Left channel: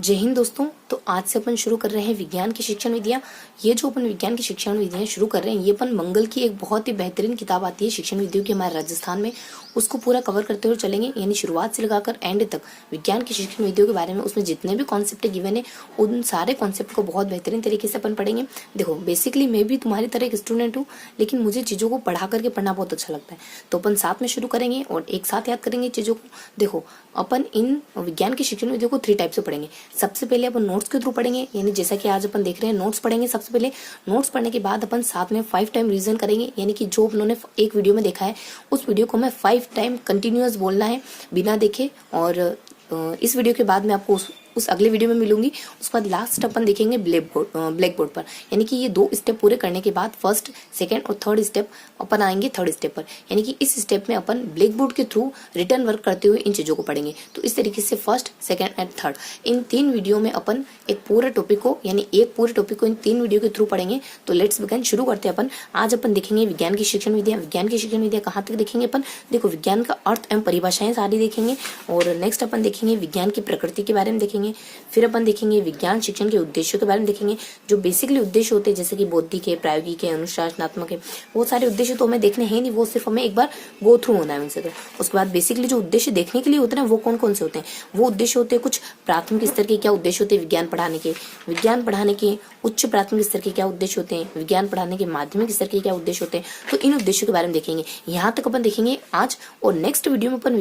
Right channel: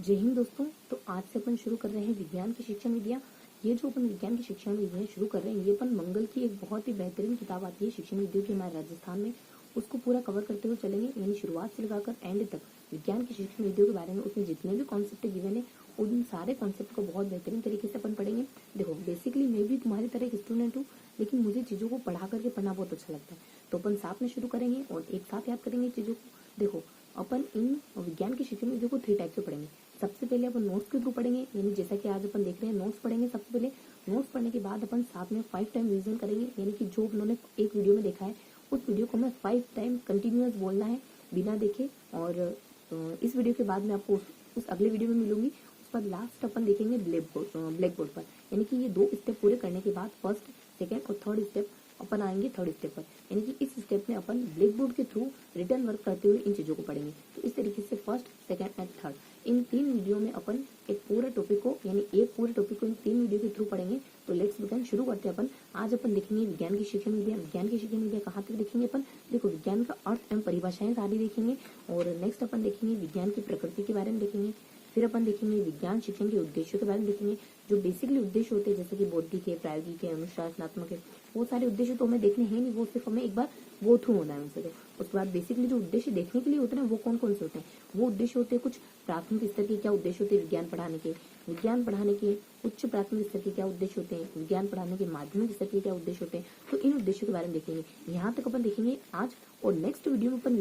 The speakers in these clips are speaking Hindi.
जय हिंद दोस्तों। तो आज से अपन शुरू कर रहे हैं विज्ञान की शिक्षण विधियाँ। ये जो अपन विज्ञान की शिक्षण विधियाँ शुरू कर रहे हैं, ये अपन मंगल की एक बहुत ही बेहतरीन किताब आती है शिक्षण विधियों की हमारे राजस्थान में, उसको पूरा कवर करते हुए चलेंगे। यानी शुरुआत से लगाकर एंड तक विज्ञान की शिक्षण विधियों के बारे में उसमें जितने भी कॉन्सेप्ट गिवन है, उन सारे कॉन्सेप्ट को बहुत बेहतरीन तरीके से अपन पढ़ेंगे। देखो, बेसिकली मैं भी तुम्हारी तरह एक स्टूडेंट हूँ, लेकिन मुझे चीज़ों को पढ़ा करके पढ़ना बहुत अच्छा लगता है। तो अपन साथ में शुरू करेंगे और एक साथ याद करेंगे चीज़ों को। देखो, अपन इन विज्ञान की शिक्षण विधियों को 3 टाइप से पढ़ेंगे। सबसे पहले अपन नोट्स के थ्रू पढ़ेंगे, यानी जैसा कि आज अपन देख रहे हैं नोट्स पढ़ेंगे। सबसे पहले नोट्स पढ़ने के बाद अपन साथ में 5 टाइम रिवीजन करेंगे, यानी कि जो उन्होंने एक वीडियो में देखा है उस वीडियो को मैं 5 टाइम कंटिन्यूअस बोलना है बिना देखे। और इस वीडियो के बाद मैं आपको उस अगले वीडियो में मिलूंगी। उसके बाद लास्ट अपन देखेंगे ब्लैक बोर्ड पर, यानी कि ये 2 स्टेप पूरे करने के बाद फर्स्ट, सेकंड और थर्ड स्टेप अपन आएंगे थर्ड स्टेप पर। यानी कि इस स्टेप में अपन ब्लैक बोर्ड के थ्रू रिटर्न वर्क करते हुए इन चीज़ों को पढ़ेंगे। तो इस तरीके से first, second and third in 3 video में अपन एक पूरे टॉपिक को, यानी एक पूरे टॉपिक को इन 3 वीडियो के थ्रू पढ़ेंगे। तो लेट्स बिगिन, शुरू करते हैं अपन। आज अपन देखेंगे विज्ञान की शिक्षण विधियाँ। विज्ञान की शिक्षण विधियाँ कहाँ तक देखेंगे अपन? देखो, विज्ञान का अर्थ एवं परिभाषाएं सारी देखेंगे। और नेक्स्ट अपन देखेंगे विज्ञान की प्रकृति के बारे में देखेंगे। फिर अपन देखेंगे विज्ञान शिक्षण के उद्देश्यों के बारे में देखेंगे। जो बेसिकली उद्देश्य होते हैं, जैसे कि बौद्धिक है, प्रायोगिक है, अनुशासनात्मक है, वो सारे उद्देश्य तो हमें देखने हैं नहीं, वो सिर्फ हमें एक बार गो थ्रू होना है उनसे। तो उसके बाद बेसिकली जो उद्देश्य देखने के लिए होते हैं वो कौन कौन से होते हैं? वो उद्देश्य होते हैं, कुछ प्राथमिक स्तर के क्या उद्देश्य होते हैं विज्ञान पढ़ाने के, विज्ञान पढ़ाने के उच्च प्राथमिक स्तर के क्या उद्देश्य होते हैं, विज्ञान पढ़ाने के माध्यमिक स्तर के क्या उद्देश्य होते हैं। तो इन उद्देश्यों के बारे में देखेंगे। यहाँ तक अपन देखेंगे आज। और नेक्स्ट वीडियो में अपन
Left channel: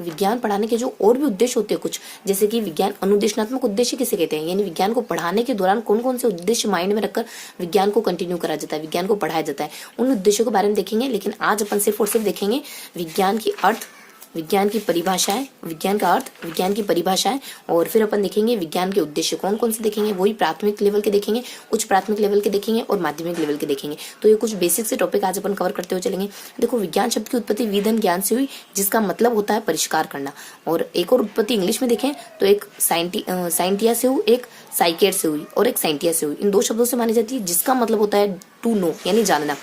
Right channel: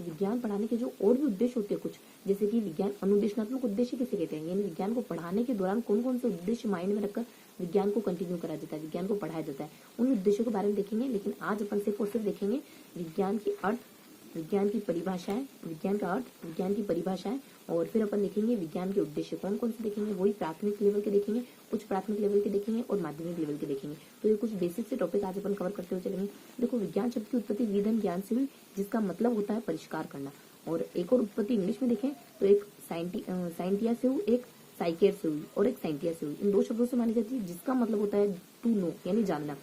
विज्ञान पढ़ाने के जो और भी उद्देश्य होते हैं कुछ, जैसे कि विज्ञान अनुदेशनात्मक उद्देश्य किसे कहते हैं, यानी विज्ञान को पढ़ाने के दौरान कौन कौन से उद्देश्य माइंड में रखकर विज्ञान को कंटिन्यू करा जाता है, विज्ञान को पढ़ाया जाता है, उन उद्देश्यों के बारे में देखेंगे। लेकिन आज अपन सिर्फ और सिर्फ देखेंगे विज्ञान की अर्थ, विज्ञान की परिभाषाएं, विज्ञान का अर्थ, विज्ञान की परिभाषाएं। और फिर अपन देखेंगे विज्ञान के उद्देश्य कौन कौन से देखेंगे। वही प्राथमिक लेवल के देखेंगे, उच्च प्राथमिक लेवल के देखेंगे और माध्यमिक लेवल के देखेंगे। तो ये कुछ बेसिक से टॉपिक आज अपन कवर करते हुए चलेंगे। देखो, विज्ञान शब्द की उत्पत्ति विधन ज्ञान से हुई, जिसका मतलब होता है परिष्कार करना। और एक और उत्पत्ति इंग्लिश में देखें तो एक साइंटिया से हुई, एक साइकेट से हुई और एक साइंटिया से हुई। इन 2 शब्दों से मानी जाती है, जिसका मतलब होता है टू नो, यानी जानना।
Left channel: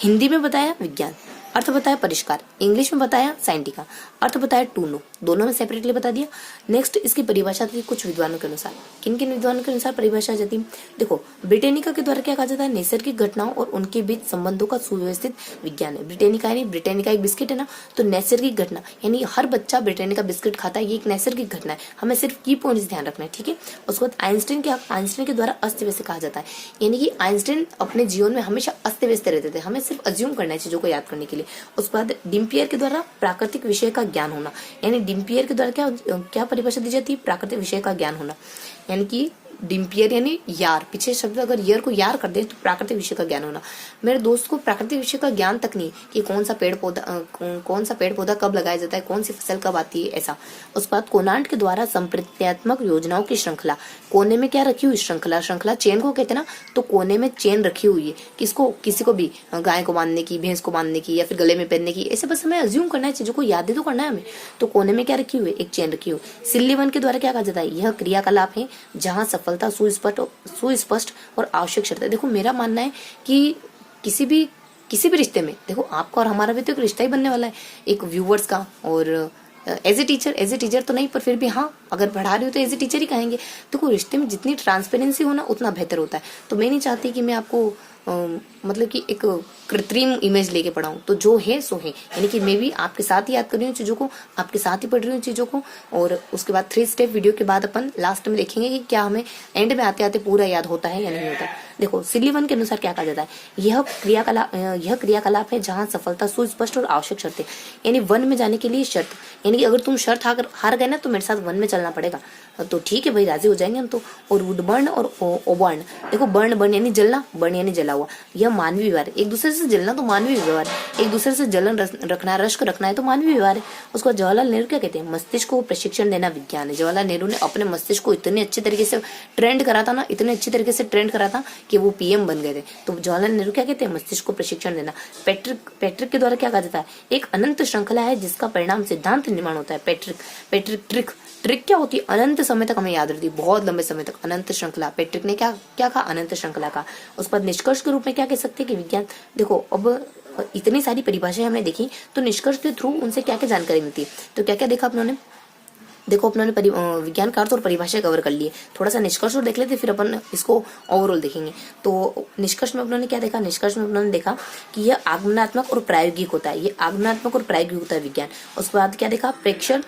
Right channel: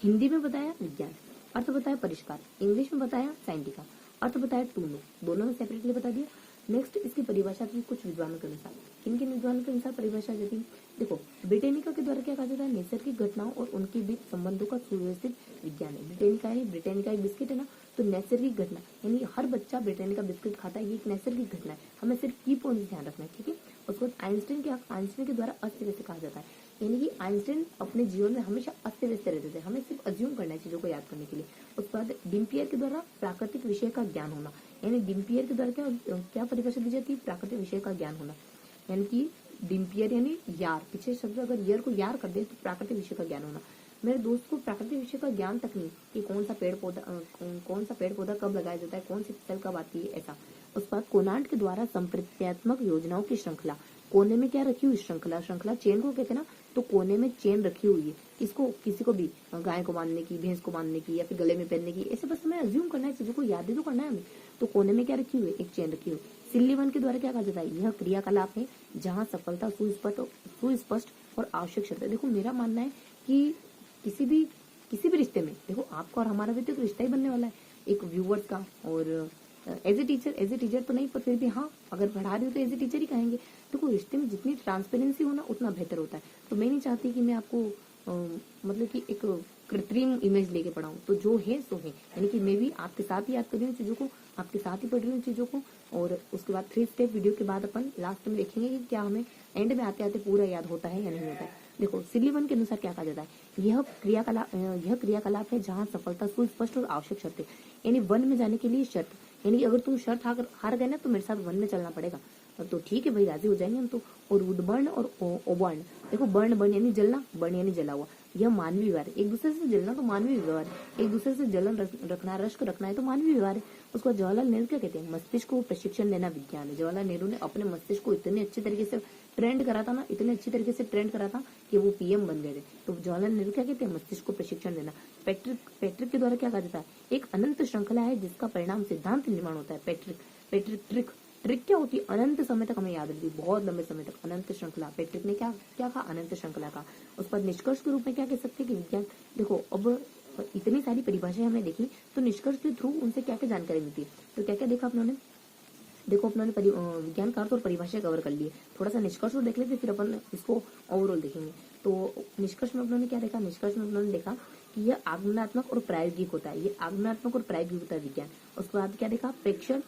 हिंदी में बताया विज्ञान, अर्थ बताया परिष्कार। इंग्लिश में बताया साइंटिका, अर्थ बताया टू नो। दोनों में सेपरेटली बता दिया। नेक्स्ट इसकी परिभाषा थी कुछ विद्वानों के अनुसार। किन किन विद्वानों के अनुसार परिभाषा जाती है? देखो, ब्रिटेनिका के द्वारा क्या कहा जाता है? नैसर्गिक घटनाओं और उनके बीच संबंधों का सुव्यवस्थित विज्ञान है। ब्रिटेनिका यानी ब्रिटेनिका एक बिस्किट है ना, तो नैसर्गिक घटना यानी हर बच्चा ब्रिटेनिका बिस्किट खाता है, ये एक नैसर्गिक घटना है। हमें सिर्फ की पॉइंट्स ध्यान रखना है, ठीक है। उसके बाद आइंस्टाइन के द्वारा अस्त व्यस्त कहा जाता है, यानी कि आइंस्टाइन अपने जीवन में हमेशा अस्त व्यस्त रहते थे, हमें सिर्फ अज्यूम करना है चीजों को याद करने के लिए। उसके बाद डिम्पियर के द्वारा प्राकृतिक विषय का ज्ञान होना, यानी डिम्पियर के द्वारा क्या परिभाषा दी जाती है? प्राकृतिक विषय का ज्ञान होना, यानी कि डिम्पियर यानी यार, पीछे शब्द अगर ईयर को यार कर दे तो प्राकृतिक विषय का ज्ञान होना। मेरे दोस्त को प्राकृतिक विषय का ज्ञान तक नहीं कि कौन सा पेड़ पौधा कब लगाया जाता है, कौन सी फसल कब आती है, ऐसा। उस बाद कोनांट के द्वारा संप्रत्यात्मक योजनाओं की श्रृंखला, कोने में क्या रखी हुई? श्रृंखला चेन को कहते हैं ना, तो कोने में चेन रखी हुई है। किसको? किसी को भी, गाय को बांधने की, भैंस को बांधने की, या फिर गले में पहनने की, ऐसे बस हमें अज्यूम करना है, चीजों को याद तो करना है हमें। तो कोने में क्या रखी हुई है? एक चेन रखी हुई। सिल्लीवन के द्वारा क्या कहा जाता है? यह क्रियाकलाप है जहाँ सफलता सुस्पष्ट और आवश्यक शर्त है। देखो, मेरा मानना है कि किसी भी रिश्ते में, देखो आपका और हमारा भी तो एक रिश्ता ही बनने वाला है, एक व्यूवर्स का। और एज ए टीचर तो नहीं, पर फिर भी हाँ, अगर पढ़ा रही हो तो एज ए टीचर ही कहेंगे। देखो, रिश्ते में जितनी ट्रांसपेरेंसी हो ना, उतना बेहतर होता है। तो मैं नहीं चाहती कि मैं आपको मतलब कि एक कृत्रिम इमेज लेके पढ़ाऊं। तो जो है सो है, यानी कि मैं भी आपके साथ ही याद कर रही हूँ चीज़ों को, आपके साथ ही पढ़ रही हूँ चीज़ों को। और उसके बाद 3 स्टेप वीडियो के बाद अपन लास्ट में देखेंगे कि क्या हमें एंड में आते आते पूरा याद होता है या नहीं होता। देखो, सिल्लीवन के अनुसार क्या कहा जाता है? यह क्रियाकलाप है जहाँ सफलता सुस्पष्ट और आवश्यक शर्त है, यानी वन में जाने के लिए शर्त, यानी कि अगर तुम शर्त हार गए ना तो मेरे साथ वन में चलना पड़ेगा। तो ठीक है भाई, राजी हो जाएंगे हम तो। और वुड बर्न और ओबर्न, देखो बर्न यानी जलना, बर्न यानी जला हुआ, यह मानवीय व्यवहार है। एक दूसरे से जलना तो मानवीय व्यवहार है, एक दूसरे से जलन रखना, रश्क रखना है तो मानवीय व्यवहार है। उसको जवाहरलाल नेहरू क्या कहते हैं? मस्तिष्क को प्रशिक्षण देना विज्ञान है। जवाहरलाल नेहरू ने अपने मस्तिष्क को इतने अच्छे तरीके से ट्रेंड करा था ना, इतने अच्छे तरीके से ट्रेंड करा था कि वो पीएम बन गए थे। तो जवाहरलाल नेहरू क्या कहते हैं? मस्तिष्क को प्रशिक्षण देना। पैट्रिक के द्वारा क्या कहा जाता है? एक अनंत श्रृंखला है जिसका परिणाम सिद्धांत निर्माण होता है। ट्रिक क्या होती है? अनंत समय तक हमें याद रहती है, बहुत लंबे समय तक। अनंत श्रृंखला, पैट्रिक ने क्या कहा? अनंत श्रृंखला का। उस पर निष्कर्ष के रूप में क्या कह सकते हैं कि विज्ञान, देखो अब इतनी सारी परिभाषाएं हमने देखी, तो निष्कर्ष के थ्रू उनसे क्या क्या जानकारी मिलती है। तो क्या क्या देखा आप लोगों ने? देखो अपने विज्ञान का अर्थ और परिभाषा कवर कर लिए, थोड़ा सा निष्कर्ष और देख लेते, फिर अपन इसको ओवरऑल देखेंगे। तो निष्कर्ष में अपनों ने क्या देखा, निष्कर्ष में अपनों ने देखा कि यह आगमनात्मक और प्रायोगिक होता है, ये आगमनात्मक और प्रायोगिक होता है विज्ञान। उसके बाद क्या देखा, प्रेक्षण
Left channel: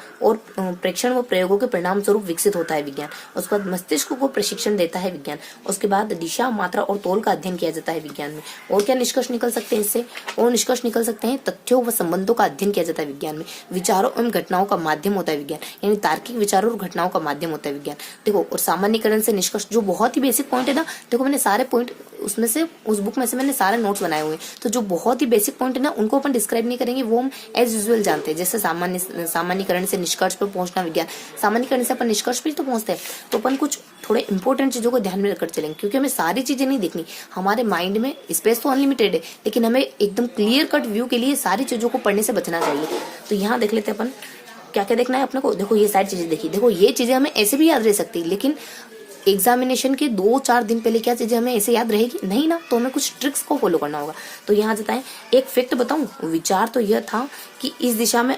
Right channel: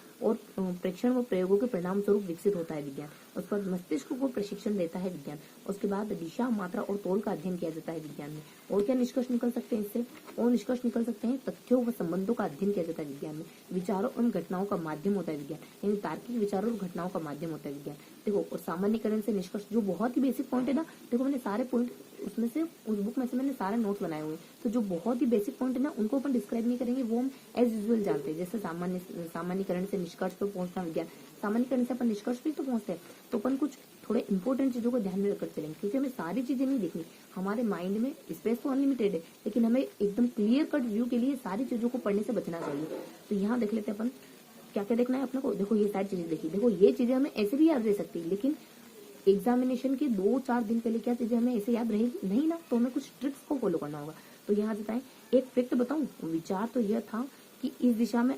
व प्रयोगों के परिणाम स्वरूप विकसित होता है विज्ञान। उसके बाद मस्तिष्क को प्रशिक्षण देता है विज्ञान। उसके बाद दिशा, मात्रा और तोल का अध्ययन किया जाता है विज्ञान में। और क्या निष्कर्ष निकल सकते हैं इससे, और निष्कर्ष निकल सकते हैं तथ्यों व संबंधों का अध्ययन किया जाता है विज्ञान में। विचारों एवं घटनाओं का माध्यम होता है विज्ञान, यानी तार्किक विचारों और घटनाओं का माध्यम होता है विज्ञान। देखो, और सामान्यीकरण से निष्कर्ष, जो बहुत ही बेसिक पॉइंट है ना, देखो मैंने सारे पॉइंट उसमें से, उस बुक में से मैंने सारे नोट्स बनाए हुए हैं, तो जो बहुत ही बेसिक पॉइंट है ना उनको अपन डिस्क्राइब नहीं करेंगे, वो हम एज यूजुअल जानते हैं। जैसे सामान्यीकरण से निष्कर्ष पर पहुंचना विज्ञान, सामान्यीकरण से अपन निष्कर्ष पर तो पहुंचते हैं, तो अपन कुछ थोड़े इंपॉर्टेंट चीजों को ध्यान में रखकर चलेंगे, क्योंकि हमें सारी चीजें नहीं देखनी। हमारे माइंड में स्पेस तो अनलिमिटेड है, लेकिन हमें एकदम क्लियर कट व्यू के लिए सारी चीजों को पढ़ने से बचना चाहिए। तो यहाँ देख लेते हैं अपन क्या क्या देखना है अपने को। देखो ये सारी चीजें देखी, देखो ये चीजें हमें ऐसे भी याद रह सकती है, लेकिन एग्जामिनेशन के 2-4 दिन पहले क्या चीजें हमें ऐसे याद रहेगी नहीं ना, तो हमें कुछ ट्रिक्स को फॉलो करना होगा। तो यहाँ जाता है, एक फैक्ट बताऊं, विचार तो यह था कि इस दिशा में,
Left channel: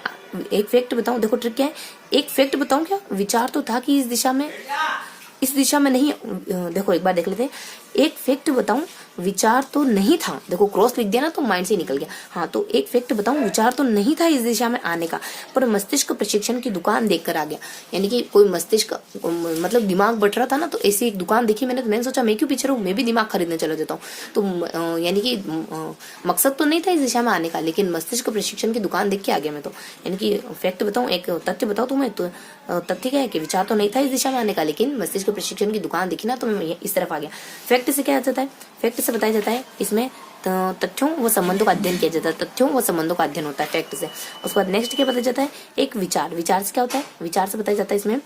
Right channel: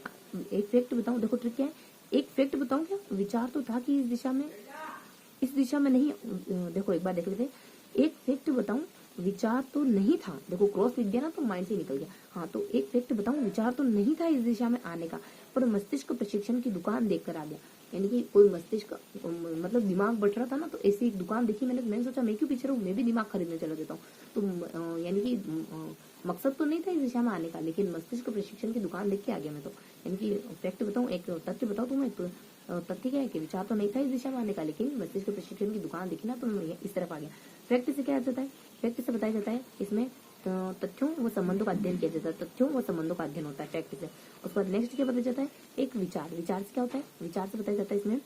एक फैक्ट बताऊं, देखो ट्रिक क्या है, एक फैक्ट बताऊं, क्या विचार तो था कि इस दिशा में नहीं, देखो एक बार देख लेते हैं, एक फैक्ट बताऊं, विचार तो नहीं था, देखो क्रॉस लिख दिया ना तो माइंड से निकल गया। हाँ, तो एक फैक्ट बताऊं, विचार तो नहीं था इस दिशा में आने का, पर मस्तिष्क प्रशिक्षण की दुकान देखकर आ गया। यानी कि कोई मस्तिष्क, मतलब दिमाग बट रहा था ना, तो ऐसी एक दुकान देखी मैंने, तो मैंने सोचा मैं क्यों पीछे रहूं, मैं भी दिमाग खरीदने चला जाता हूँ। तो यानी कि मकसद तो नहीं था इस दिशा में आने का, लेकिन मस्तिष्क प्रशिक्षण की दुकान देख के आ गया मैं तो। यानी कि फैक्ट बताऊं, एक तथ्य बताऊं तुम्हें, तो तथ्य क्या है कि विचार तो नहीं था इस दिशा में आने का, लेकिन मस्तिष्क प्रशिक्षण की दुकान देखी ना तो मैं इस तरफ आ गया। फैक्ट से क्या आ जाता है, फैक्ट से बताया जाता है इसमें तथ्यों व संबंधों का अध्ययन किया जाता है, तथ्यों व संबंधों का अध्ययन होता है फैक्ट से। उसके बाद नेक्स्ट क्या बताया जाता है, एक विचार, विचार से क्या होता है, विचार से बताया जाता है इसमें,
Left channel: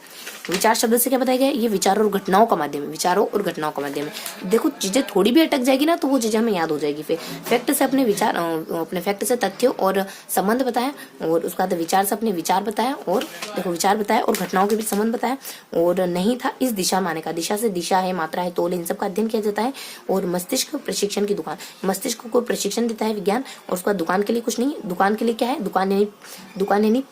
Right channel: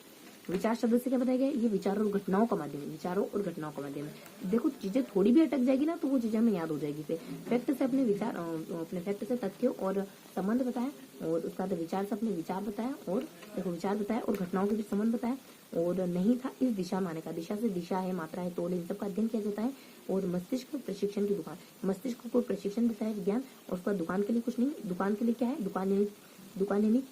विचार शब्द से क्या बताया गया, ये विचारों और घटनाओं का माध्यम है, विचारों और घटनाओं का माध्यम है। देखो चीजें थोड़ी भी अटक जाएगी ना तो वो चीजें हमें याद हो जाएगी। फिर फैक्ट से अपने विचार, अपने फैक्ट से तथ्यों और संबंध बताया, और उसके बाद विचार से अपने विचार बताया, और देखो विचार बताया और घटनाओं के बीच संबंध बताया, और नहीं था इस दिशा में आने का, दिशा से दिशा है, मात्रा है, तोल, इन सब का अध्ययन किया जाता है। और मस्तिष्क प्रशिक्षण की दुकान, मस्तिष्क को प्रशिक्षण देता है विज्ञान। और उसका दुकान के लिए कुछ नहीं, दुकान के लिए क्या है, दुकान यानी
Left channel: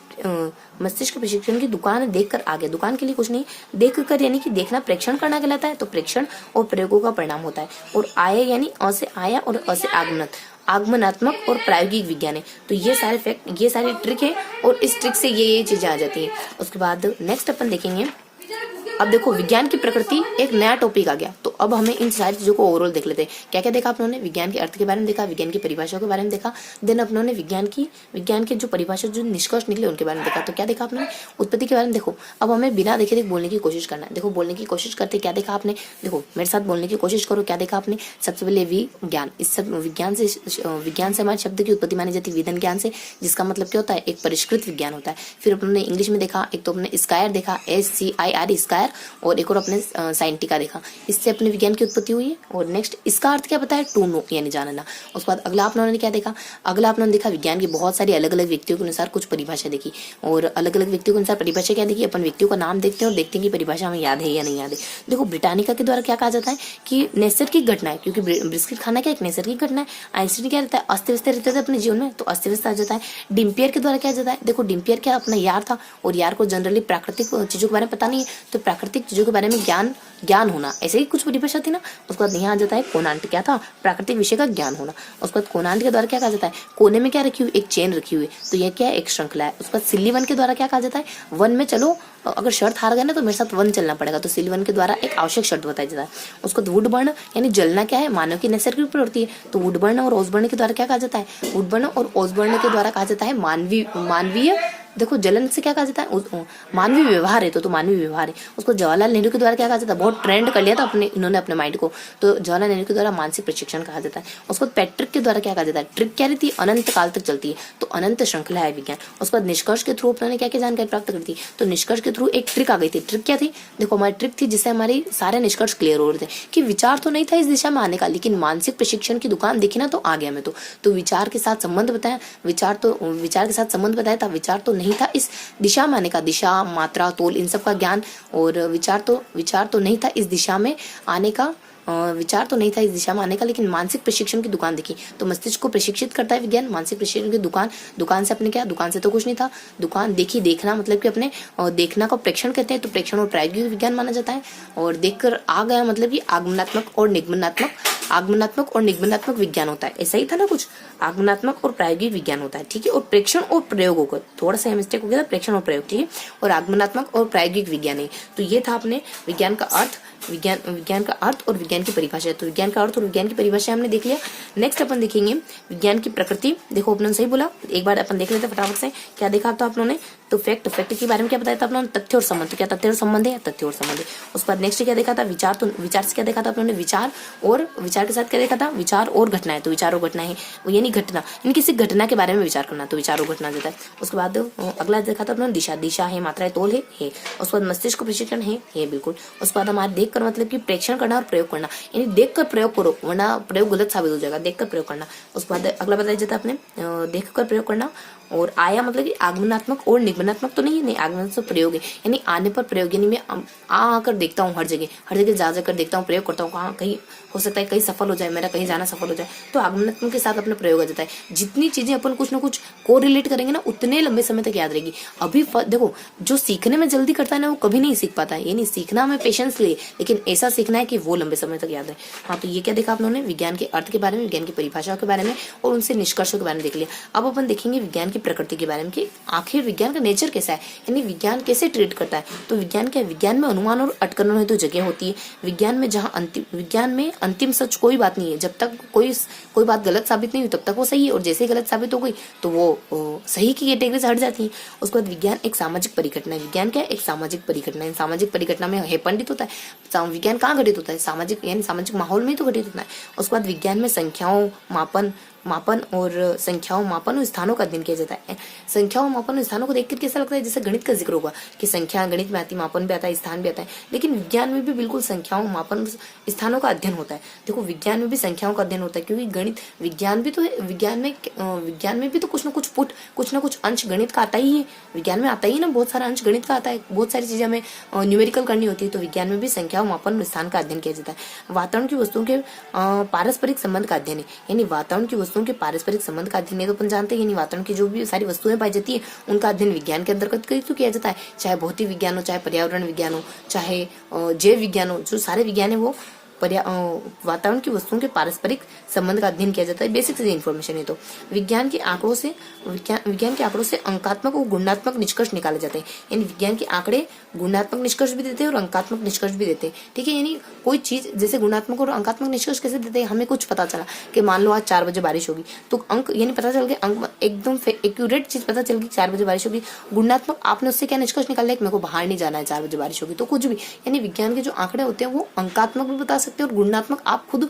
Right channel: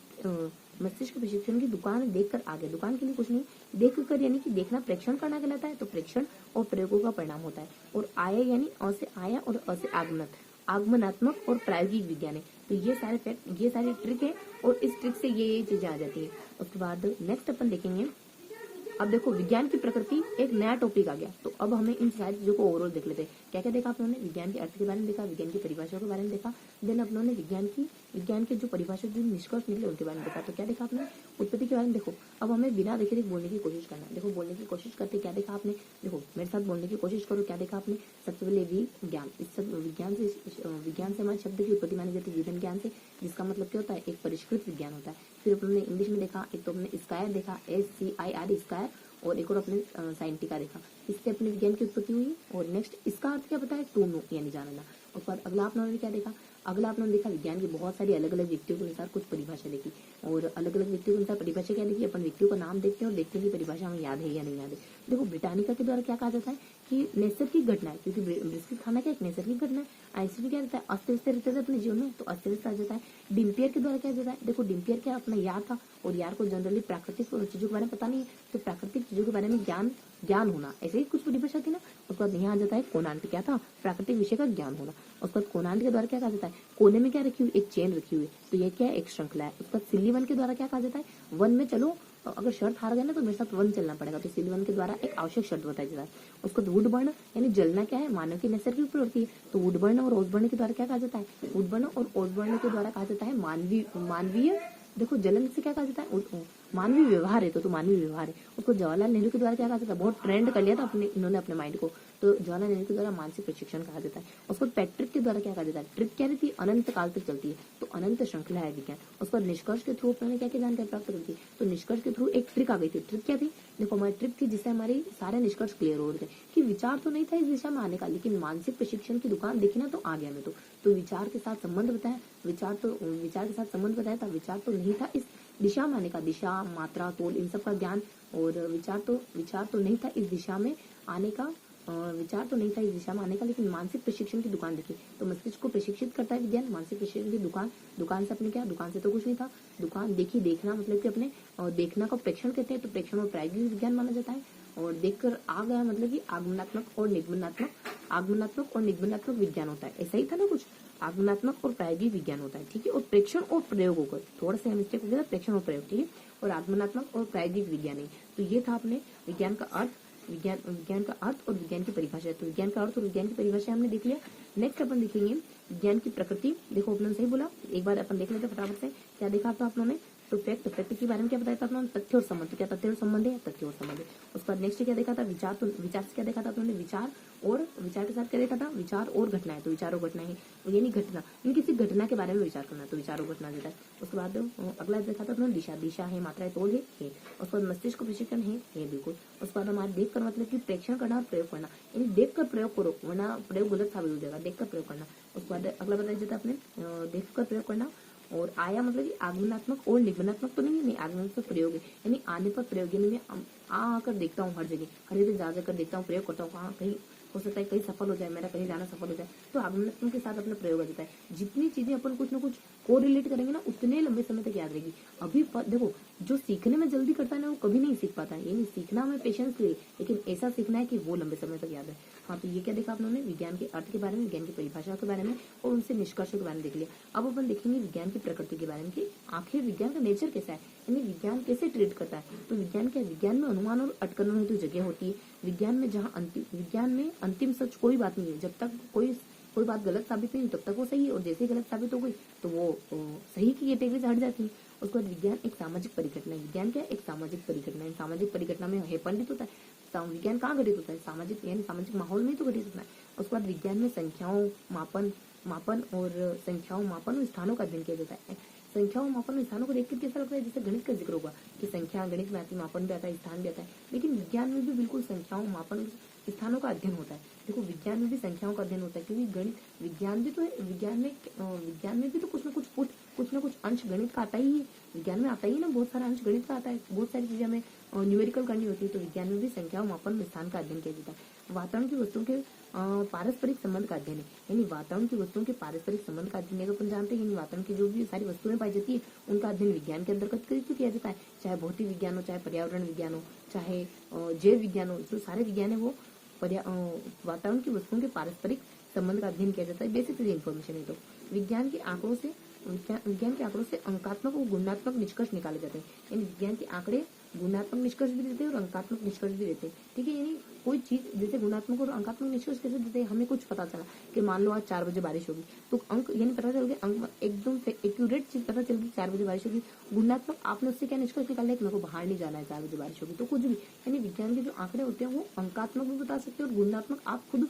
मस्तिष्क प्रशिक्षण की दुकान देखकर आ गया, दुकान के लिए कुछ नहीं, देख कर यानी कि देखना प्रेक्षण करना कहलाता है, तो प्रेक्षण और प्रयोगों का परिणाम होता है। और आया यानी अ से आया और अ से आगमनात्मक और प्रायोगिक विज्ञान है। तो ये सारे फैक्ट, ये सारी ट्रिक है, और इस ट्रिक से ये चीजें आ जाती है। उसके बाद नेक्स्ट अपन देखेंगे, अब देखो विज्ञान की प्रकृति, एक नया टॉपिक आ गया। तो अब हमें इन सारी चीजों को ओवरऑल देख लेते हैं। क्या क्या देखा अपनों ने, विज्ञान के अर्थ के बारे में देखा, विज्ञान की परिभाषाओं के बारे में देखा, देन अपनों ने विज्ञान के जो परिभाषा, जो निष्कर्ष निकले उनके बारे में देखा। तो क्या देखा आपने, उत्पत्ति के बारे में। देखो अब हमें बिना देखे देख बोलने की कोशिश करना है। देखो बोलने की कोशिश करते क्या देखा आपने, देखो मेरे साथ बोलने की कोशिश करो, क्या देखा आपने। सबसे पहले विज्ञान, इस सब विज्ञान से हमारे शब्द की उत्पत्ति मानी जाती है विधन ज्ञान से, जिसका मतलब क्या होता है, एक परिष्कृत विज्ञान होता है। फिर अपने इंग्लिश में देखा, एक तो अपने स्कायर देखा, SCIR स्कायर, और एक और अपने साइंटिका देखा। इससे अपने विज्ञान की उत्पत्ति हुई है। और नेक्स्ट इसका अर्थ क्या पता है, टू नो यानी जानना। उसके बाद अगला आप लोगों ने क्या देखा, अगला आप लोगों ने देखा विज्ञान की बहुत सारी अलग अलग व्यक्तियों के अनुसार कुछ परिभाषा देखी, और अलग अलग व्यक्तियों के अनुसार परिभाषा क्या देखी, अपन व्यक्तियों का नाम देखते हैं और देखते हैं कि परिभाषा हमें याद है या नहीं याद है। देखो ब्रिटानिका के द्वारा क्या कहा जाता है कि नैसर्गिक घटना है, क्योंकि बिस्किट खाना क्या एक नैसर्गिक घटना है। आइंस्टीन क्या रहता है, अस्त व्यस्त रहते थे अपने जीवन में, तो अस्त व्यस्त आ जाता है। डिम्पियर के द्वारा क्या जाता है, देखो डिम्पियर क्या अपना यार था, और यार को जनरली प्राकृतिक चीजों के बारे में पता नहीं है, तो प्राकृतिक चीजों के बारे में ज्ञान होना, ऐसे ही कुछ परिभाषा थी ना। उसके बाद यहाँ आ जाता है कोनांट, क्या था, प्राकृतिक विषय का ज्ञान होना। उसके बाद कोनांट के द्वारा क्या कहा जाता है, कोने में क्या रखी हुई, एक चेन रखी हुई, तो यह क्या है, एक श्रृंखला है। उसके बाद सिल्लीवन के द्वारा क्या कहा जाता है, वन में चलो, अगर शर्त हार गए ना तो मेरे साथ वन चलना पड़ेगा, तो सिल्लीवन के द्वारा एक आवश्यक शर्त बताया जाता है। उसको वुड बर्न यानी जलना क्या है, मानव की नैसर्गिक प्रवृत्ति है, तो वुड बर्न और ओसबर्न के द्वारा क्या कहा जाता है, वुड बर्न और ओसबर्न के द्वारा कहा जाता है मानवीय देखो जलन से क्या कहा जाता है, मानवीय व्यवहार है, तो मानवीय व्यवहार है। उसको जवाहरलाल नेहरू के द्वारा क्या कहा जाता है, बहुत ट्रेंड कर लिया था इन्होंने अपने माइंड को, तो जवाहरलाल नेहरू के द्वारा मानसिक प्रशिक्षण कहा जाता है। उसको पैट्रिक के द्वारा क्या कहा जाता है, ट्रिक क्या रहती है, अनंत काल तक चलती है, तो अनंत श्रृंखला है विज्ञान। उसके बाद निष्कर्ष के थ्रू अपने क्या क्या जानकारी प्राप्त करती है, तो निष्कर्ष के थ्रू एक ट्रिक आ गई थी। ट्रिक क्या थी, देखो हमारी ट्रिक थी जिससे हमारे सारे निष्कर्ष क्लियर हो रहे थे कि विचार तो नहीं था इस दिशा में आने का, लेकिन मानसिक प्रशिक्षण की दुकान देखी ना तो आ गया मैं तो विचार के साथ संबंध बताया, विचार के साथ संबंध बताया था, विचार तो नहीं था इस दिशा में आने का, दिशा मात्रा तोल इन सब का ज्ञान, और विचार तो नहीं था इस दिशा में आने का, विचार तो नहीं था इस दिशा में आने का, लेकिन मानसिक प्रशिक्षण की दुकान देखी। तो मस्तिष्क को प्रशिक्षित करता है विज्ञान, मानसिक प्रशिक्षण की दुकान। दुकान से अपने क्या, दुकान से तो कुछ नहीं था, दुकान देखी, देखना मतलब कि अपने देखना को प्रेक्षण कहते हैं, तो प्रेक्षण और प्रायोगिक विज्ञान माना जाता है। और देखकर आ गया मतलब कि आगमनात्मक और निगमनात्मक विज्ञान होता है। ऐसा ही था ना कुछ, आगमनात्मक और प्रायोगिक विज्ञान होता है, ठीक है। और प्रेक्षण और प्रयोग होगा, थोड़ा सा मिस्टेक हो गया था, प्रेक्षण और प्रयोग, ठीक है। और आगमनात्मक और प्रायोगिक विज्ञान है। तो ये था अपने विज्ञान का अर्थ, विज्ञान का अर्थ और विज्ञान की परिभाषा। तो विज्ञान का अर्थ और विज्ञान की परिभाषा हमने देख लिया। नेक्स्ट अपन देखेंगे विज्ञान की प्रकृति। देखो अपने सही बोला, एक बार अपन देख लेते फटाफट से। क्या देखा था अपनों ने, तो फैक्ट के बारे में क्या बताया था अपनों ने, तथ्य और संबंध। तो क्या तथ्य और संबंध है, तथ्य और संबंध है। उसके बाद नेक्स्ट क्या देखा था, विचार। तो विचार से क्या देखा था अपनों ने, विचार के साथ क्या देखा था, विचार और घटनाएं। तो विचार और घटनाएं है, यानी घटना, यानी किसी घटना के बारे में विचार करना, तो विचार और घटना देता है। उसके बाद अगला देखा था अपने दिशा। दिशा है, मात्रा है, तोल है। उसके बाद मस्तिष्क को प्रशिक्षण है, बिल्कुल। उसके बाद हमारे देख कर मतलब कि प्रेक्षण करना और प्रयोग करना, यानी देख कर प्रयोग करो वरना प्रयोग गलत साबित हो जाएगा, देख कर प्रयोग करना। उसके बाद अगला बताया जाता है अपने देख कर प्रयोग करना। और आया मतलब कि आगमनात्मक और निगमनात्मक तो नहीं आगमनात्मक प्रयोग है, यानी आने पर प्रयोग, यानी मैं आकर देखता हूँ, हर जगह जा जाकर देखता हूँ, प्रयोग करता हूँ, कहाँ कहीं हो सकता है कहीं सफल हो जाए, मेरा कहीं जाना सफल हो जाए, तो आगमनात्मक के साथ अपना प्रयोग आ जाता है। जितनी चीजें अपन कुछ ना कुछ को रिलेट करेंगे ना, उतने लंबे समय तक याद रहेगी। अभी देखो, जो सीखने में जल्दी करता है ना, वो कभी नहीं सीख पाता है, यानी सीखना हमें पेशेंस ले, लेकिन ऐसा सीखना है कि वो लंबे समय तक याद है। हाँ, तो ये क्या देखा आप लोगों ने, विज्ञान के अर्थ के बारे में, विज्ञान की परिभाषाओं के बारे में और उनसे निष्कर्षों के बारे में देख लिया। अब अपन देखेंगे विज्ञान की प्रकृति के बारे में, कि आखिर विज्ञान का नेचर कैसा है, यानी विज्ञान कैसे ट्रीट करता है। तो विज्ञान क्या है, विज्ञान में अनुमान और अटकलों हेतु जगह होती है। विज्ञान में अंतिम सच कोई बात नहीं है। जब तक कोई बात गलत साबित नहीं हुई तब तक वो सही है, और जैसे ही गलत साबित हो गई तो वो सही की कैटेगरी से हट जाती है। उसके बाद विज्ञान एक सामाजिक परिघटना है। विज्ञान क्या है, एक सामाजिक परिघटना है। सामाजिक परिघटना में है पंडित होता है। विज्ञान कहाँ घटित होता है, सामाजिक, यानी सामाजिक माहौल में ही तो घटित होता है। उसके बाद विज्ञान में संख्याओं, मापन और स्थानों का अध्ययन किया जाता है। संख्याओं, मापन और स्थानों को देखकर कैसा लगता है, जैसे गणित का जिक्र होगा कि संख्या गणित में आती, मापन भी आता है, स्थान भी आता है, लेकिन विज्ञान में भी बिल्कुल संख्याओं, मापन, स्थानों का अध्ययन होता है। देखो विज्ञान में भी संख्याओं का अध्ययन होता है, क्योंकि गणित विज्ञान भी तो है, विज्ञान में भी तो कुछ ना कुछ अंश गणित का आता ही है। विज्ञान में आता ही ना, बहुत सारा अंश गणित का आता है, बहुत सारी चीजें हमें न्यूमेरिकल करनी होती है। तो विज्ञान में भी संख्याओं, मापन और स्थान का अध्ययन किया जाता है। वातावरण की वस्तुओं के पारस्परिक संबंध का अध्ययन है, यानी वातावरण की वस्तुओं के पारस्परिक संबंध का अध्ययन, तो अपन जानते हैं, यानी वातावरण की जो भी सारी वस्तुएं पाई जाती है उनका अध्ययन विज्ञान के अंतर्गत तो किया जाता है। चाहे भौतिक विज्ञान हो, चाहे पर्यावरण विज्ञान हो, चाहे जैव विज्ञान हो, जो सारे विज्ञान है वो वातावरण की वस्तुओं के पारस्परिक संबंध का अध्ययन किया जाता है। बेसिक से इन्फॉर्मेशन है। तो विज्ञान के आंकड़ों से अंकात्मक और गुणात्मक निष्कर्ष निकाले जाते हैं, यानी विज्ञान के आंकड़े गुणात्मक निष्कर्ष भी देते हैं और अंकात्मक निष्कर्ष भी देते हैं, ठीक है। यानी कोई चीज जैसे गुणात्मक और अंकात्मक निष्कर्ष कैसे देते हैं, हमें कुछ पता चला कि मान लो आज 4 बजे बारिश होगी, तो अंक यानी पता चल गया, अंक एकदम एक्यूरेट चीज पता चल गई 4 बजे बारिश होगी। गुणात्मक, आपने उससे क्या निष्कर्ष निकाला कि मेरे को बाहर नहीं जाना है, 4 बजे बारिश होगी, तो कुछ भी, यानी विज्ञान के जो आंकड़े होते हैं वो अंकात्मक भी बता सकते हैं और गुणात्मक, आप खुद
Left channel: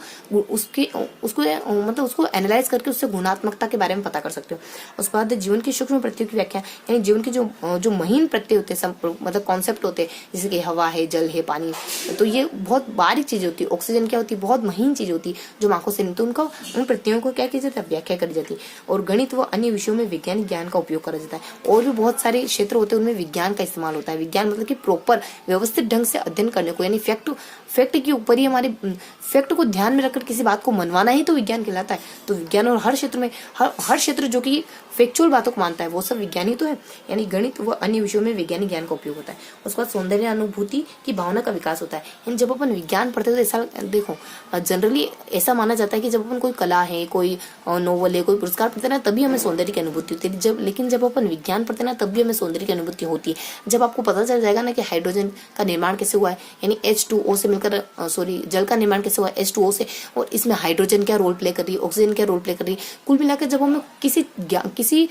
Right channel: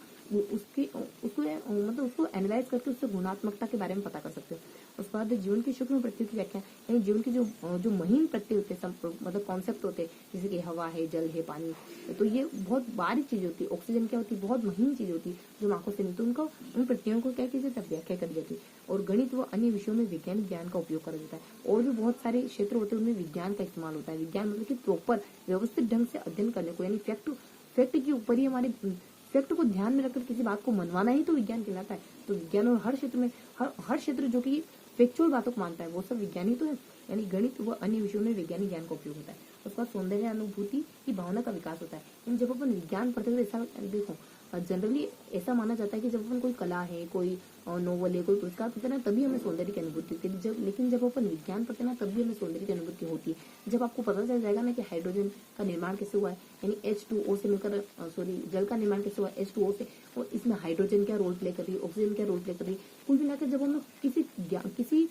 उसको एनालाइज करके उससे गुणात्मकता के बारे में पता कर सकते हो। उसके बाद जीवन की सूक्ष्म प्रत्ययों की व्याख्या, यानी जीवन के जो महीन प्रत्यय होते हैं, मतलब कॉन्सेप्ट होते हैं, जैसे कि हवा है, जल है, पानी, तो ये बहुत बारीक चीजें होती है। ऑक्सीजन क्या होती है, बहुत महीन चीज होती है जो आंखों से नहीं, तो उन प्रत्ययों को क्या किया जाता है, व्याख्या करी जाती है। और गणित व अन्य विषयों में वैज्ञानिक ज्ञान का उपयोग करा जाता है। और भी बहुत सारे क्षेत्र होते हैं उनमें विज्ञान का इस्तेमाल होता है। विज्ञान मतलब कि प्रॉपर व्यवस्थित ढंग से अध्ययन करने को, यानी फैक्ट के ऊपर ही, हमारे फैक्ट को ध्यान में रखकर किसी बात को मनवाना ही तो विज्ञान कहलाता है। तो विज्ञान और हर क्षेत्र जो कि फैक्चुअल बातों को मानता है वो सब विज्ञान ही तो है। यानी गणित व अन्य विषयों में वैज्ञानिक ज्ञान का उपयोग होता है। उसके बाद सौंदर्य अनुभूति की भावना का विकास होता है। यानी जब अपन विज्ञान पढ़ते हैं तो ऐसा देखो, जनरली ऐसा माना जाता है कि जब अपन कोई कला है, कोई नोवेल है, कोई पुरस्कार पढ़ते हैं ना, तभी हमें सौंदर्य की अनुभूति होती है। लेकिन जब अपन विज्ञान पढ़ते हैं ना, तब भी हमें सौंदर्य की अनुभूति होती है। जब आपको पता चल जाएगा ना कि हाइड्रोजन का निर्माण कैसे हुआ है, यानी H2O से मिलकर जल का निर्माण कैसे हुआ है H2O से, और इसमें हाइड्रोजन क्या रोल प्ले कर रही है, ऑक्सीजन क्या रोल प्ले कर रही है, कुल मिलाकर जब हमें किसी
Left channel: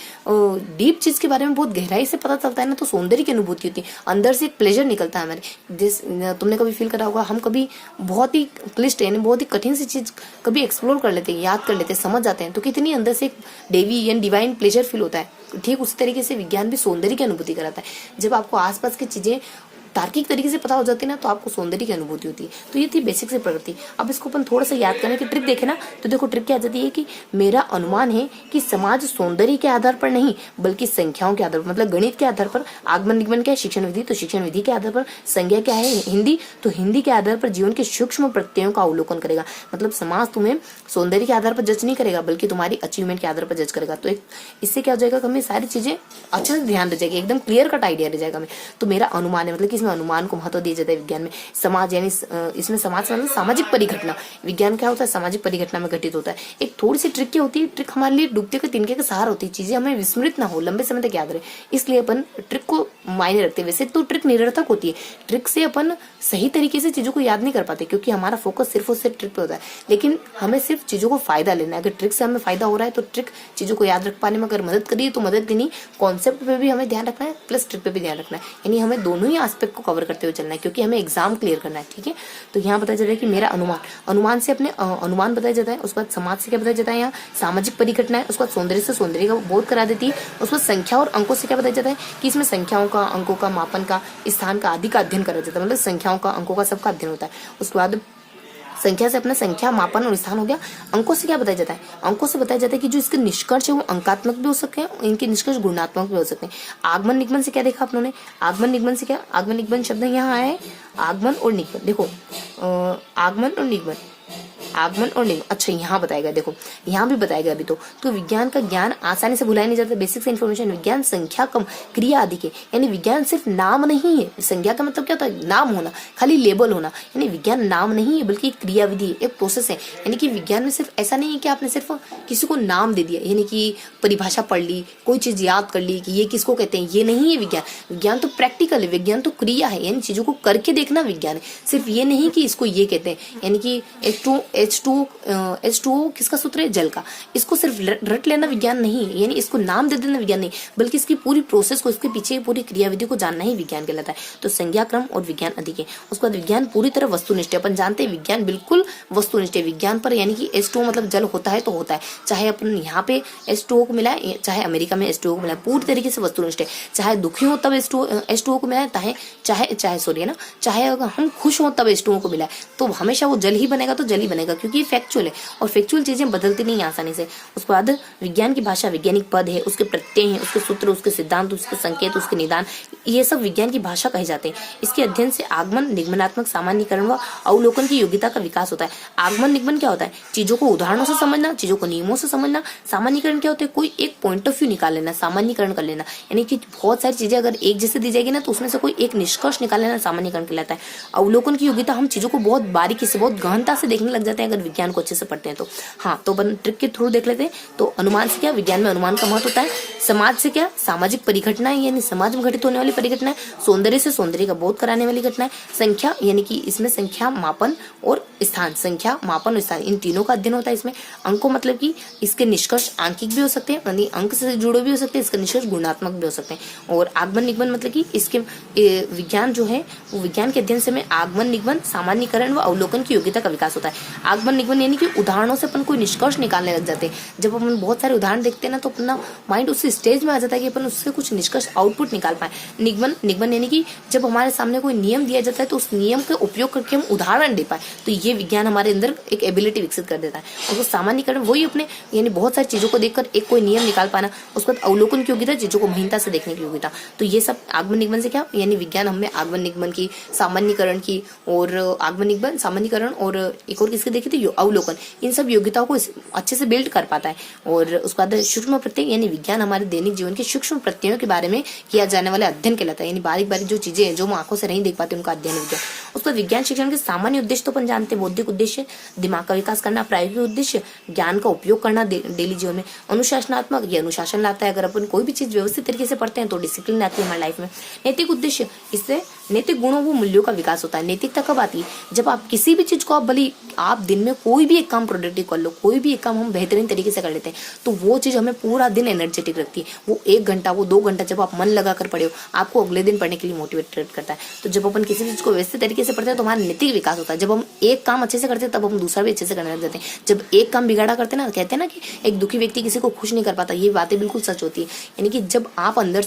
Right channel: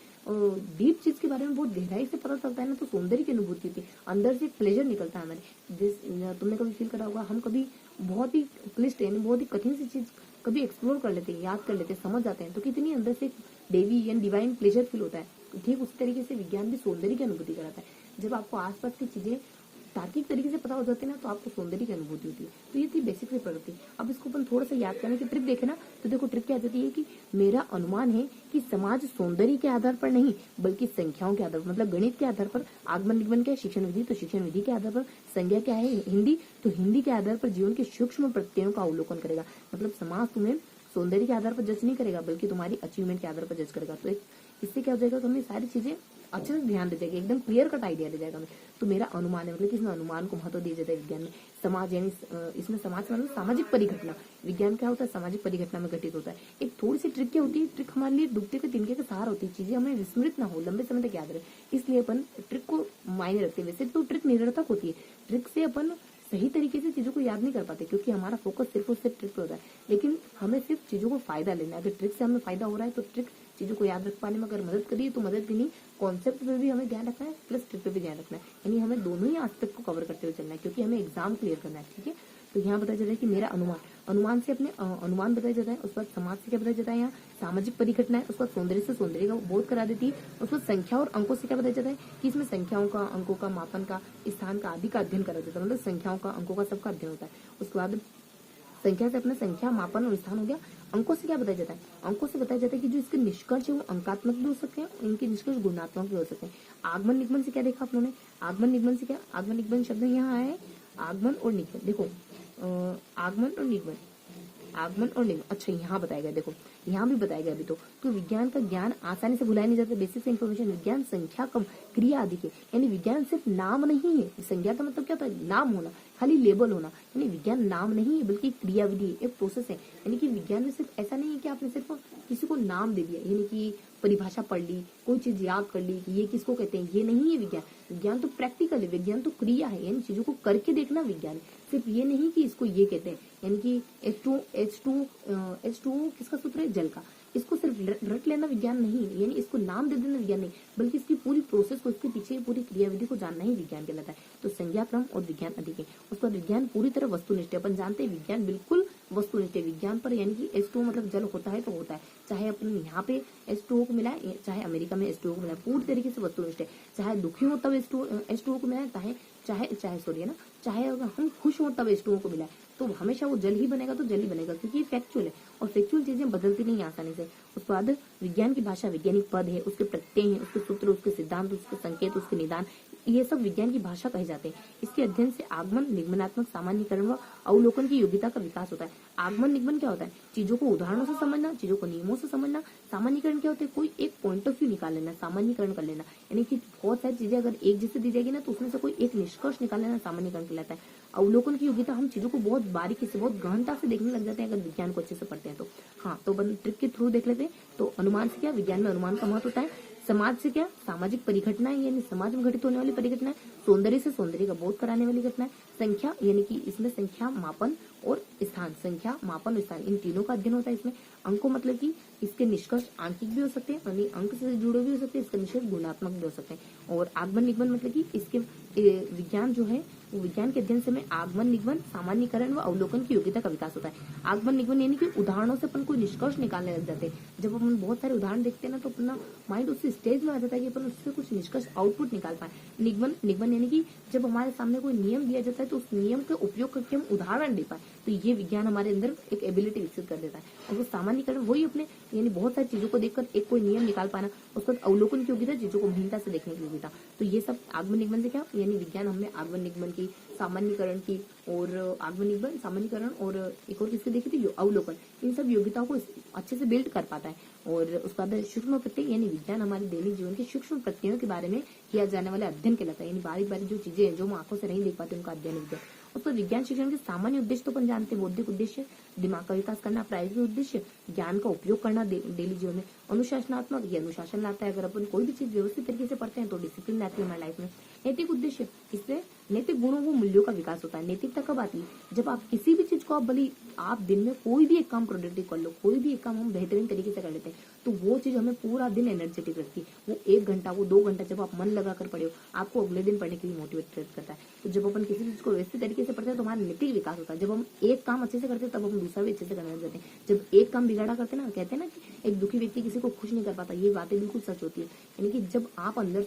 डीप चीज के बारे में बहुत गहराई से पता चलता है ना, तो सौंदर्य की अनुभूति होती है, अंदर से एक प्लेजर निकलता है हमारे। तुमने कभी फील करा होगा, हम कभी बहुत ही क्लिष्ट यानी बहुत ही कठिन सी चीज कभी एक्सप्लोर कर लेते हैं, याद कर लेते हैं, समझ जाते हैं, तो कितनी अंदर से एक देवी यानी डिवाइन प्लेजर फील होता है। ठीक उसी तरीके से विज्ञान भी सौंदर्य की अनुभूति कराता है। जब आपको आसपास की चीजें तार्किक तरीके से पता हो जाती है ना, तो आपको सौंदर्य की अनुभूति होती है। तो ये थी बेसिक से प्रकृति। अब इसको अपन थोड़ा सा याद करने की ट्रिक देखे ना, तो देखो ट्रिक क्या आ जाती है कि मेरा अनुमान है कि समाज सौंदर्य के आधार पर नहीं बल्कि संख्याओं के आधार पर, मतलब गणित के आधार पर। आगमन निगमन क्या है? शिक्षण विधि। तो शिक्षण विधि के आधार पर। संज्ञा क्या है? हिंदी। तो हिंदी के आधार पर जीवन के सूक्ष्म प्रत्ययों का अवलोकन करेगा। मतलब समाज तुम्हें सौंदर्य के आधार पर जज नहीं करेगा बल्कि तुम्हारी अचीवमेंट के आधार पर जज करेगा। तो एक इससे क्या हो जाएगा, हमें सारी चीजें अच्छे से ध्यान रह जाएगी, एकदम क्लियर कट आइडिया रह जाएगा हमें। तो मेरा अनुमान है, मतलब कि इसमें अनुमान को महत्व दिया जाता है विज्ञान में। समाज यानी इसमें समाज मतलब सामाजिक परिघटना। विज्ञान क्या होता है? सामाजिक परिघटना में घटित होता है। एक थोड़ी सी ट्रिक क्या होती है? ट्रिक हमारे लिए डूबते के तिनके का सहारा होती है, चीजें हमें विस्मृत ना हो, लंबे समय तक याद रहे, इसलिए अपन ट्रिक को मायने रखते हैं। वैसे तो ट्रिक निरर्थक होती है, ट्रिक से अपन सही तरीके से चीजों को याद नहीं कर पाते क्योंकि हमारा फोकस सिर्फ और सिर्फ ट्रिक पे होता है। लेकिन हमें सिर्फ चीजों को फायदा लेना है। अगर ट्रिक से हमें फायदा हो रहा है तो ट्रिक चीजों को याद रख पाने में अगर मदद करिए तो मदद देनी, कॉन्सेप्ट पे भी हमें ध्यान रखना है प्लस ट्रिक पे भी ध्यान रखना है, यानी हमें दोनों ही एस्पेक्ट को कवर करते हुए चलना है क्योंकि हमें एग्जाम क्लियर करना है। ठीक है, तो यहाँ बताया जा रहा है कि मेरा अनुमान से अपने अनुमान बताया जाता है। उसके बाद समाज से क्या बताया जाता है? यहाँ सामाजिक परिघटना है। उसके बाद सौंदर्य से सौंदर्य का बोध करा देती है। उसके बाद संख्या और अंकों से क्या बताया जाता है कि इसमें संख्याओं का, अंकों का, मापन का, स्थान का आदि का अध्ययन करा जाता है। मतलब संख्याओं का, अंकों का, सबका अध्ययन होता है। उसके बाद संख्या से अपना संख्या, मापन और स्थान हो गया। अंकों से क्या बताया जाता है? अंकों से बताया जाता है कि जो इसके निष्कर्ष है वो अंकात्मक भी हो सकते हैं, इनके निष्कर्ष गुणात्मक भी हो सकते हैं। आगमन निगमन से क्या देखा आप लोगों ने? आगमन निगमन से क्या? आगमन निगमन शब्द यहाँ आया है, आगमन और निगमन। देखो आगमन और निगमन, आगमन और निगमन। अच्छा यहाँ बताएगा, देखो यहाँ भी बताएगा अभी। तो विज्ञान का ज्ञान आसानी से भुलाया नहीं जाता। बेसिक से इन्फॉर्मेशन, विज्ञान संख्या कम क्रिया आदि के, यानी विज्ञान सिर्फ नाम नहीं है। संज्ञा का मतलब क्या होता है? नाम होना, खाली लेबल होना। यानी विज्ञान नाम नहीं है बल्कि एक क्रियाविधि है, एक प्रोसेस है। यानी कि विज्ञान में सिर्फ ऐसा नहीं है कि आपने सिर्फ किसी को नाम दे दिया, यानी कि परिभाषा पढ़ ली, कोई चीज याद कर ली कि ये किसको कहते हैं, ये नहीं है विज्ञान। विज्ञान तो प्रैक्टिकल है, विज्ञान तो क्रिया है, यानी चीजों को करके देखना विज्ञान है। सिर्फ ये नहीं कि इसको ये कहते हैं, यानी कि H2O किसका सूत्र है? जल का। इसको सिर्फ रट लेना विज्ञान नहीं है, यानी इसको नाम दे देना विज्ञान नहीं, बल्कि इसकी पूरी प्रोसेस को, इसके पीछे पूरी क्रियाविधि को जानना ही विज्ञान कहलाता है। तो संज्ञा क्रम और विज्ञान अधिक है। उसके बाद विज्ञान पूरी तरह वस्तुनिष्ठ है। अपन जानते हैं विज्ञान बिल्कुल वस्तुनिष्ठ है। विज्ञान पर यानी कि H2O मतलब जल होता है तो होता है, चाहे अपन यहाँ पे H2O को मिला है, चाहे अमेरिका में H2O को मिला है, पूरी तरीके से वस्तुनिष्ठ है। चाहे दुखी हो तब H2O को मिला है, चाहे अगर हम खुश हो तब H2O को मिला है, तो हमेशा वो जल ही बनेगा, तो जल ही बनेगा क्योंकि फैक्चुअल है और फैक्चुअल चीजें बदलती नहीं आसानी से। उसके बाद विज्ञान की भाषा वैज्ञानिक पद है, उसके प्रत्यय हैं, उसके सूत्र, उसके सिद्धांत, उसके संकेत, उसके निदान, ये सब विज्ञान की भाषा कहे जाते हैं। इसके अध्ययन से आगमन, निगमनात्मक, सामान्यीकरण व अवलोकन की योग्यता का विकास होता है। आगमन निगमन क्या होता है? चीजों को उदाहरणों से समझना, चीजों को नियमों से समझना। सामान्यीकरण क्या होता है? कोई एक पॉइंट ऑफ व्यू निकाल लेना, सामान्यीकरण कर लेना, यानी कि बहुत सारी चीजें अगर एक जैसे दी जाएगी ना तो उसमें से कोई एक निष्कर्ष निकाल लेना, सामान्यीकरण कहलाता है। अवलोकन की योग्यता, हम चीजों को बहुत बारीकी से, बहुत गहनता से देखने लग जाते हैं अगर विज्ञान को अच्छे से पढ़ते हैं तो। हाँ, तो अपन ट्रिक के थ्रू देख लेते हैं। तो अनुमान से क्या? विज्ञान में अनुमान का महत्व होता है। समाज से क्या? सामाजिक परिघटनाएं, यानी समाज में घटित होने वाली परिघटनाएं। सौंदर्य से सौंदर्य का बोध कराने वाली घटनाएं। संख्या, यानी कि इसमें संख्या, मापन और स्थान, संख्या, मापन और स्थान, इन तीनों का अध्ययन होता है इसमें। अंकों मतलब कि इसके निष्कर्ष आंकिक भी हो सकते हैं, यानी अंक से जुड़े भी हो सकते हैं, इसके निष्कर्ष गुणात्मक भी हो सकते हैं। और आगमन निगमन मतलब कि इसके विज्ञान जो है वो विज्ञान के अध्ययन से में आगमन निगमन, सामान्यीकरण व अवलोकन की योग्यता का विकास होता है। आगमन निगमन यानी कि उदाहरणों से अपन कोई निष्कर्ष निकालने लग जाते हैं। जब अपन बहुत सारे उदाहरण देखते हैं ना तो अपना माइंड उस स्टेज में आ जाता है कि अपन उससे कुछ निष्कर्ष आउटपुट निकाल पाए। निगमन यानी कि जब हमारे सामने कोई नियम दिया जाता है तो उस नियम का उपयोग करके हम उदाहरण दे पाए, तो ये विज्ञान हमारे अंदर एक एबिलिटी विकसित कर देता है। और सामान्यीकरण वही अपने, यानी बहुत सारी चीजों को देखकर एक कोई नियम निकाल पाना। उसके बाद अवलोकन की योग्यता, चीजों को महीनता से देखने की योग्यता। तो ये सब आगमन निगमन से क्या, यानी विज्ञान हमें आगमन निगमन की, सामान्यीकरण की, और आगमन निगमन, सामान्यीकरण और एक और किसकी देखी थी, अवलोकन, इन सब योग्यताओं को अच्छे से बिल्ड कर पाता है। और उसके बाद सूक्ष्म प्रत्यय, यानी विज्ञान हमारे दैनिक जीवन के सूक्ष्म प्रत्ययों के बारे में किया जाने वाला अध्ययन कहलाता है, यानी बारीक बारीक जो चीजें हैं जो हम आंखों से नहीं देख पाते उनका अध्ययन विज्ञान। उसके बाद विज्ञान शिक्षण के सामान्य उद्देश्य तो अपन जानते हैं, बौद्धिक उद्देश्य, दिमाग का विकास करना, प्रायोगिक उद्देश्य, ज्ञान का उपयोग करना डेली जीवन में, अनुशासनात्मक, ये अनुशासन लाता है। अगर अपन कोई भी चीज व्यवस्थित तरीके से पढ़ते हैं तो डिसिप्लिन आती है हमारी लाइफ में। नैतिक उद्देश्य, इससे नैतिक गुणों व मूल्यों का विकास होता है। नैतिकता कब आती है? जब आप किसी भी चीज को आप भले आप दिन में कोई भी एक काम प्रोडक्टिव कर लो, कोई भी एक काम हम बेहतरीन तरीके से कर लेते हैं, तो वो चीज़ हमें पूरा दिन एनर्जेटिक रखती है। वो 1 घंटा, वो 2 घंटा जब आप मन लगा कर पढ़े हो, आपको अगले दिन पढ़ने के लिए मोटिवेटेड करता है। तो जब अपन किसी चीज़ को व्यवस्थित तरीके से पढ़ते हैं तो हमारा नैतिक विकास होता है। जब हम एक काम अच्छे से करते हैं तब हम दूसरा भी अच्छे से करने लग जाते हैं। जब एक काम बिगाड़ा करते हैं ना, कहते हैं ना कि एक दुखी व्यक्ति किसी को खुश नहीं कर पाता, ये बातें बिल्कुल सच होती है। यानी कि जब आप अंदर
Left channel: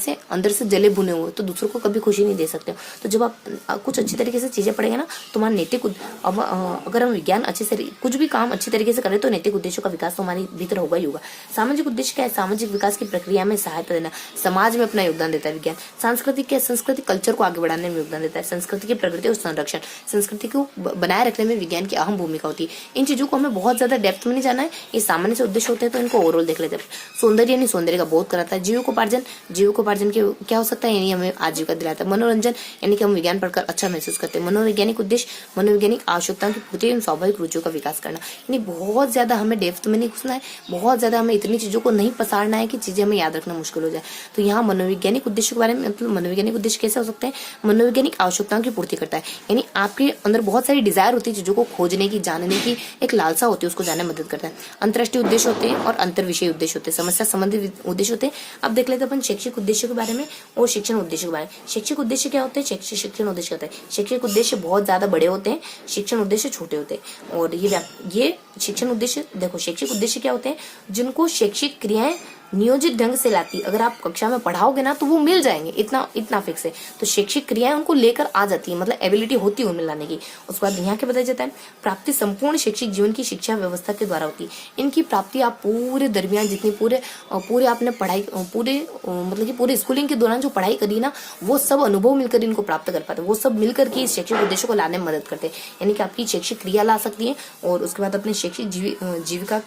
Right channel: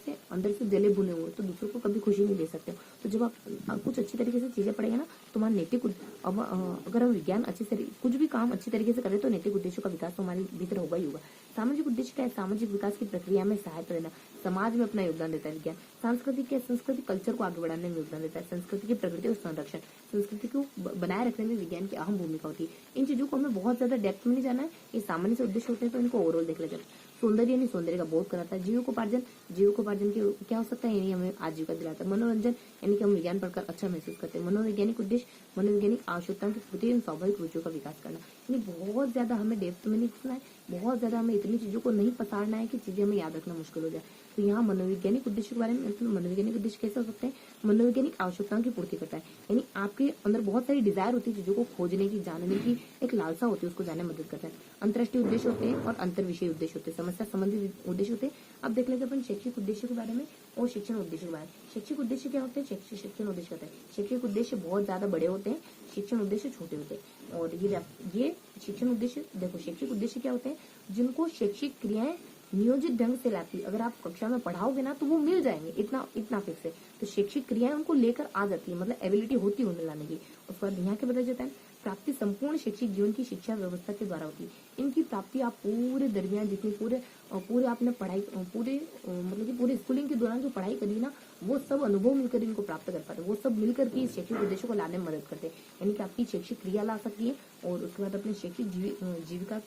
से जले भुने हुए तो दूसरों को कभी खुशी नहीं दे सकते हो। तो जब आप कुछ अच्छी तरीके से चीजें पढ़ेंगे ना, तो हमारा नैतिक अगर हम विज्ञान अच्छे से कुछ भी काम अच्छी तरीके से करें तो नैतिक उद्देश्यों का विकास तो हमारे भीतर होगा ही होगा। सामाजिक उद्देश्य क्या है? सामाजिक विकास की प्रक्रिया में सहायता देना, समाज में अपना योगदान देता है विज्ञान। सांस्कृतिक क्या है? सांस्कृतिक कल्चर को आगे बढ़ाने में योगदान देता है। संस्कृति की प्रगति और संरक्षण, संस्कृति को बनाए रखने में विज्ञान की अहम भूमिका होती है। इन चीजों को हमें बहुत ज्यादा डेप्थ में नहीं जाना है, ये सामान्य से उद्देश्य होते हैं तो इनको ओवरऑल देख लेते हैं। सौंदर्य यानी सौंदर्य का बोध कराता है। जीविकोपार्जन के क्या हो सकता है? यानी हमें आजीविका दिलाता है। मनोरंजन यानी कि हम विज्ञान पढ़कर अच्छा महसूस करते हैं। मनोवैज्ञानिक उद्देश्य, मनोवैज्ञानिक आवश्यकताओं की पूर्ति एवं स्वाभाविक रुचियों का विकास करना। यानी बहुत ज्यादा हमें डेप्थ में नहीं घुसना है, बहुत ज्यादा हमें इतनी चीजों को नहीं पसारना है कि चीजें हमें याद रखना मुश्किल हो जाए। तो यहाँ मनोवैज्ञानिक उद्देश्य के बारे में, मतलब मनोवैज्ञानिक उद्देश्य कैसे हो सकते हैं? मनोवैज्ञानिक आवश्यकताओं की पूर्ति करता है। यानी आपके अंदर बहुत सारी डिजायर होती है चीजों को खोजने की, जानने की, एक लालसा होती है, उसको जानने में मदद करता है। अंतर्राष्ट्रीय उद्देश्य होते हैं और अंतर विषय उद्देश्य होते हैं, समस्या संबंधित उद्देश्य होते हैं। अब देख लेते हैं अपन शैक्षिक उद्देश्य के बारे में और शिक्षण उद्देश्य के बारे में। शैक्षिक उद्देश्य क्या होते हैं? शिक्षण उद्देश्य होता है। शैक्षिक उद्देश्य बहुत ज्यादा बड़े होते हैं, शिक्षण उद्देश्य छोटे होते हैं। और ये शिक्षण उद्देश्य, देखो शैक्षिक उद्देश्य क्या होते हैं? जिनको शैक्षिक क्रियाएं नियोजित ढंग से लाती, अगर आप कक्षा में पढ़ाओगे ना तो वो मिल जाएंगे, इतना फिक्स है। तो शैक्षिक क्रियाएं उनको लेकर आ जाती है, मतलब एबिलिटी होती है उनमें लाने की। उसके बाद यहाँ क्या बताया जाता है? प्राप्ति संपूर्ण शैक्षिक जीवन की शिक्षा व्यवस्था के द्वारा होती है। इनकी प्राप्ति आप पूरे दरमियान जितनी पूरे आपने पढ़ाई मतलब कि पूरे स्कूलिंग के दौरान जो पढ़ाई करी ना, वो सब अनुभव मिलकर इनको प्राप्त कर पाते हैं। वो सब मिलकर के इस शैक्षिक उद्देश्य को लाने में मदद करते हैं। यानी कि आपकी शैक्षिक क्रिया ला सकती है और उसके बाद अपने शैक्षिक जीविका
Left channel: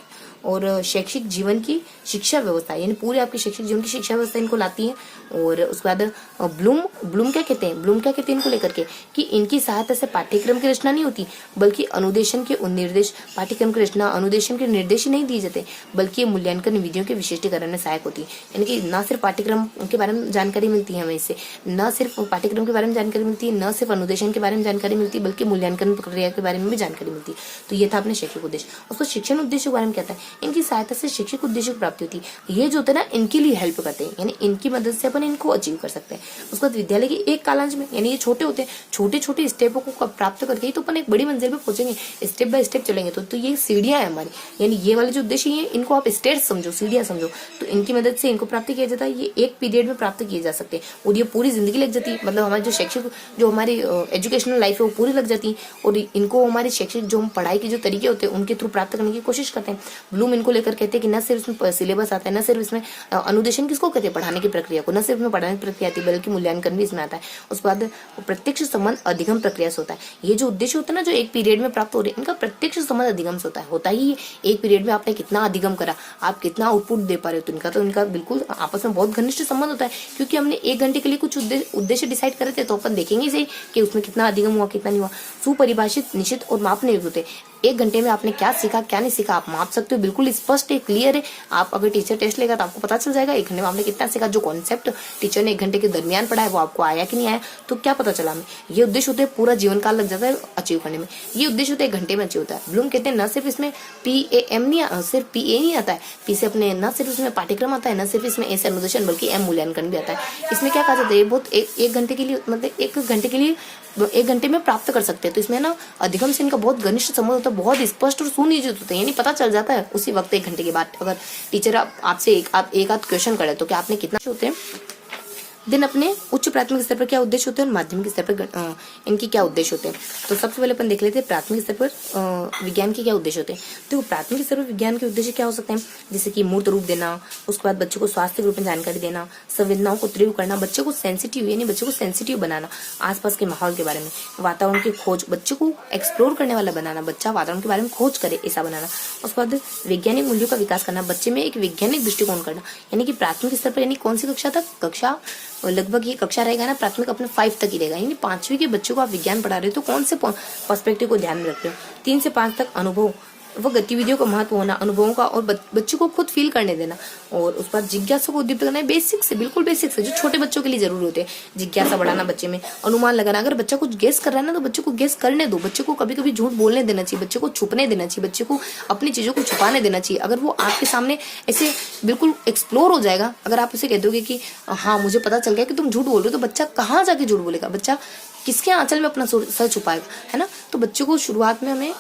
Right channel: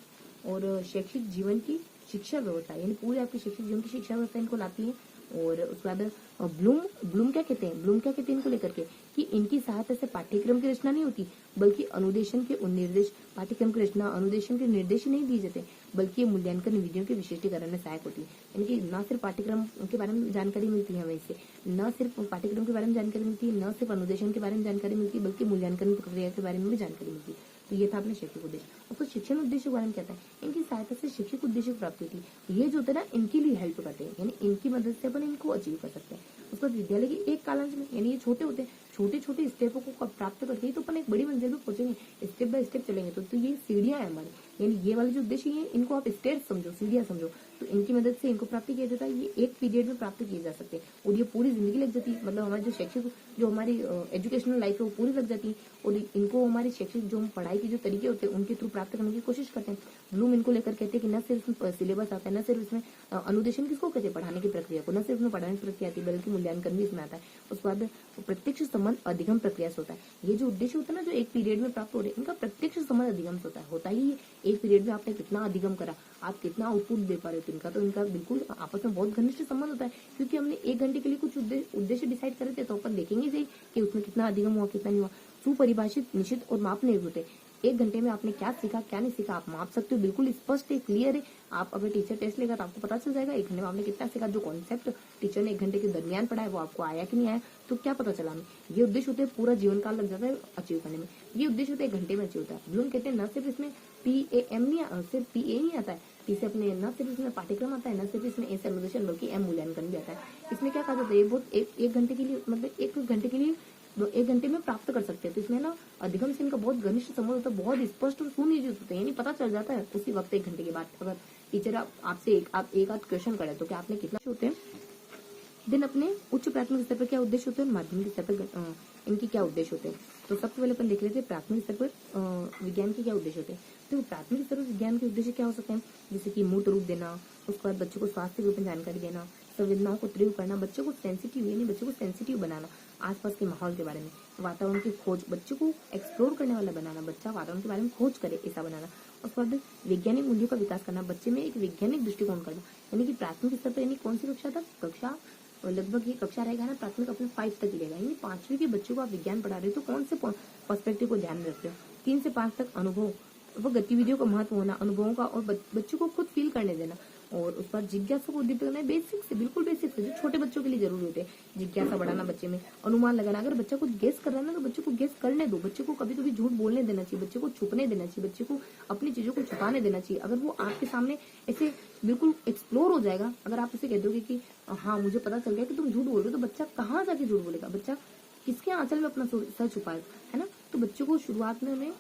और शैक्षिक जीवन की शिक्षा व्यवस्था, यानी पूरे आपके शैक्षिक जीवन की शिक्षा व्यवस्था इनको लाती है। और उसके बाद ब्लूम क्या कहते हैं? इनको लेकर के कि इनकी सहायता से पाठ्यक्रम की रचना नहीं होती, बल्कि अनुदेशन के निर्देश, पाठ्यक्रम की रचना अनुदेशन के निर्देश ही नहीं दिए जाते, बल्कि मूल्यांकन विधियों के विशिष्टीकरण में सहायक होती है। यानी कि न सिर्फ पाठ्यक्रम के बारे में जानकारी मिलती है हमें इससे, न सिर्फ पाठ्यक्रम के बारे में जानकारी मिलती है, न सिर्फ अनुदेशन के बारे में जानकारी मिलती है, बल्कि मूल्यांकन प्रक्रिया के बारे में भी जानकारी मिलती है। तो ये था अपने शैक्षिक उद्देश्य। उसको शिक्षण उद्देश्य के बारे में कहता है, इनकी सहायता से शैक्षिक उद्देश्य की प्राप्ति होती है। ये जो होता है ना, इनके लिए हेल्प करते हैं, यानी इनकी मदद से अपन इनको अचीव कर सकते हैं। उसके बाद विद्यालय के एक कालांश में, यानी ये छोटे होते हैं, छोटे छोटे स्टेपों को प्राप्त करके ही तो अपन एक बड़ी मंजिल पे पहुंचेंगे। स्टेप बाय स्टेप चलेंगे तो ये सीढ़ियां है हमारी, यानी ये वाले जो उद्देश्य है इनको आप स्टेप्स समझो, सीढ़ियां समझो। तो इनकी मदद से इनको प्राप्त किया जाता है। ये एक पीरियड में प्राप्त किए जा सकते हैं और ये पूरी जिंदगी लग जाती है। मतलब हमारी जो शैक्षिक, जो हमारी एजुकेशनल लाइफ है वो पूरी लग जाती है और इनको हमारी शैक्षिक जो हम पढ़ाई के जो तरीके होते हैं उनके थ्रू प्राप्त करने की कोशिश करते हैं। ब्लूम इनको लेकर कहते हैं कि न सिर्फ इसमें सिलेबस आता है, न सिर्फ इसमें अनुदेशन किसको कहते हैं? पढ़ाने की प्रक्रिया को, न सिर्फ में पढ़ाने की प्रक्रिया आती है बल्कि मूल्यांकन भी इसमें आता है। उसके बाद प्रत्यक्ष संबंध अधिगम प्रक्रिया से होता है। ये जो उद्देश्य होता है ना, जो एक पीरियड में प्राप्त हो रहे हैं, इनका प्रत्यक्ष संबंध अधिगम से होता ही एक पीरियड में आपने कितना अधिगम करा, आप कितना आउटपुट दे पा रहे हो, तो इनका बिल्कुल आपस में बहुत घनिष्ठ संबंध होता है। क्योंकि हमने 1 घंटे के लिए कुछ उद्देश्य डिसाइड करे थे, तो अपन देखेंगे सही कि उसमें कितना अधिगम हुआ, कितना नहीं हुआ। सुपरिभाषित, निश्चित और मापने योग्य होते हैं। 1 घंटे में आपने क्या सीखा, क्या नहीं सीखा, आप माप सकते हो, बिल्कुल स्पष्ट है, क्लियर है। आप अगर टीचर टेस्ट लेगा तो आपको पता चल जाएगा 1 घंटे में आपने कितना सीखा। जो कॉन्सेप्ट टीचर ने 1 घंटे के दरमियान पढ़ा है वो आपको आया कि नहीं आया, तो क्या पता चला हमें। ये उद्देश्य होते हैं, पूरा जीवन काल लग जाता है अचीव करने में। ये उद्देश्य होते हैं 1 घंटे में अचीव होता है। ब्लूम कहते हैं न सिर्फ इसमें PAM नहीं, सिर्फ PA नहीं आता है, पी से अपने न सिर्फ इसमें पाठ्यक्रम आता है, न सिर्फ इसमें ऐसे अनुदेशन बल्कि M मूल्यांकन भी आता है। इसमें क्या कहा जाता है? बहुत 1 घंटे के लिए, मतलब 1 घंटे के लिए 1 घंटे में प्राप्त कर सकते हैं। तो इसमें ना अधिगम से इनका बहुत घनिष्ठ संबंध होता है, बहुत स्पष्ट और सुनिश्चित होते हैं, यानी पता चल जाता है उसी वक्त 1 घंटे के बाद। अगर टीचर आपसे एक आध क्वेश्चन करे तो क्या आपने कितना होते हैं दिन अपने उच्च प्राथमिक स्तर पर क्या उद्देश्य होते हैं और माध्यमिक स्तर पर इनके क्या उद्देश्य होते हैं। तो सबसे पहले अपन देख लेते हैं प्राथमिक स्तर पर विज्ञान के क्या उद्देश्य होते हैं। तो प्राथमिक स्तर पर विज्ञान के उद्देश्य क्या हो सकते हैं? जैसे कि मूर्त रूप देना, उसके बाद बच्चों को स्वास्थ्य रूप में जानकारी देना, संवेदनाओं को तीव्र करना, बच्चों को सेंसिटिव, यानी बच्चों को सेंसिटिव बनाना, आसपास के माहौल के बारे में, वातावरण की खोज, बच्चों को एक्सप्लोर करने वाला बनाना, बच्चा वातावरण के बारे में खोज करे ऐसा बनाना। उसके बाद वैज्ञानिक मूल्यों का विकास करना, बच्चे में एक वैज्ञानिक दृष्टिकोण करना, यानी कि प्राथमिक स्तर पर, यानी कौन सी कक्षा तक? कक्षा लगभग ये कक्षा रहेगा ना, प्राथमिक अपने 5 तक ही रहेगा, यानी 5वीं के बच्चों को आप विज्ञान पढ़ा रहे हो तो कौन से पर्सपेक्टिव को ध्यान में रख रहे हो। 3 से 5 तक अनुभव, वह गतिविधियों का महत्व होना, अनुभवों का, और बच्चों को खुद फील करने देना। और उस पर जिज्ञासा को उद्दीपित करना है, बेसिक से, बिल्कुल बेसिक से, जो छोटे बच्चों के लिए जरूरी होते हैं। जिज्ञासा बढ़ाना बच्चे में, अनुमान लगाना। अगर बच्चा कुछ गेस कर रहा है ना, तो बच्चे को गेस करने दो। बच्चे को कभी कभी झूठ बोलने देना चाहिए, बच्चे को छुपने देना चाहिए, बच्चे को अपनी चीजों को छुपाने देना चाहिए। अगर वो आपके सामने ऐसे बिल्कुल एक्सप्लोर हो जाएगा, अगर आप उसे कह दोगे कि हाँ मुझे पता चल गया कि तुम झूठ बोल रहे हो, तो बच्चा कहाँ जाके झूठ बोलेगा? बच्चा किसके आंचल में अपना सर छुपाएगा, है ना? तो बच्चों को शुरुआत में हमें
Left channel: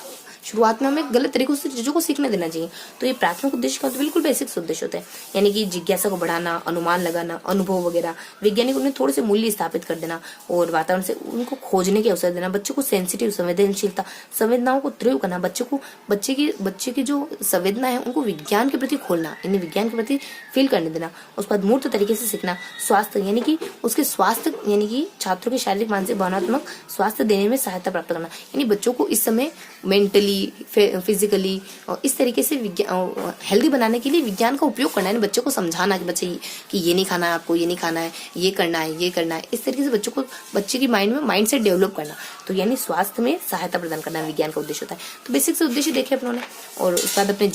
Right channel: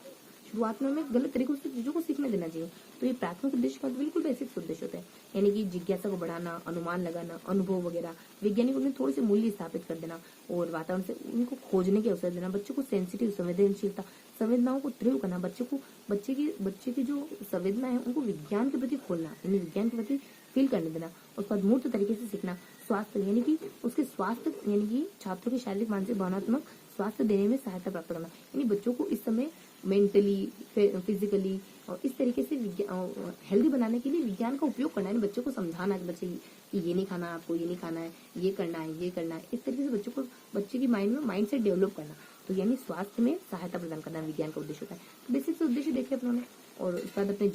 गलत तरीकों से चीजों को सीखने देना चाहिए। तो ये प्राथमिक उद्देश्य का तो बिल्कुल बेसिक उद्देश्य होता है, यानी कि जिज्ञासा को बढ़ाना, अनुमान लगाना, अनुभव वगैरह, वैज्ञानिक उन्हें थोड़े से मूल्य स्थापित कर देना और वातावरण से उनको खोजने के अवसर देना। बच्चों को सेंसिटिव, संवेदनशीलता, संवेदनाओं को तीव्र करना, बच्चे की जो संवेदना है उनको विज्ञान के प्रति खोलना, यानी विज्ञान के प्रति फील करने देना। उसके बाद मूर्त तरीके से सीखना, स्वास्थ्य यानी कि उसके स्वास्थ्य, यानी कि छात्रों के शारीरिक, मानसिक, भावनात्मक स्वास्थ्य देने में सहायता प्राप्त करना। यानी बच्चों को इस समय मेंटली, फिजिकली और इस तरीके से हेल्दी बनाने के लिए विज्ञान का उपयोग करना है। बच्चों को समझाना कि बच्चे कि ये नहीं खाना है, आपको ये नहीं खाना है, ये करना है, ये करना है। इस तरीके से बच्चे की माइंड सेट डेवलप करना। तो यानी स्वास्थ्य में सहायता प्रदान करना विज्ञान का उद्देश्य होता है। तो बेसिक से उद्देश्य देखे अपनों ने। और उसके बाद अपने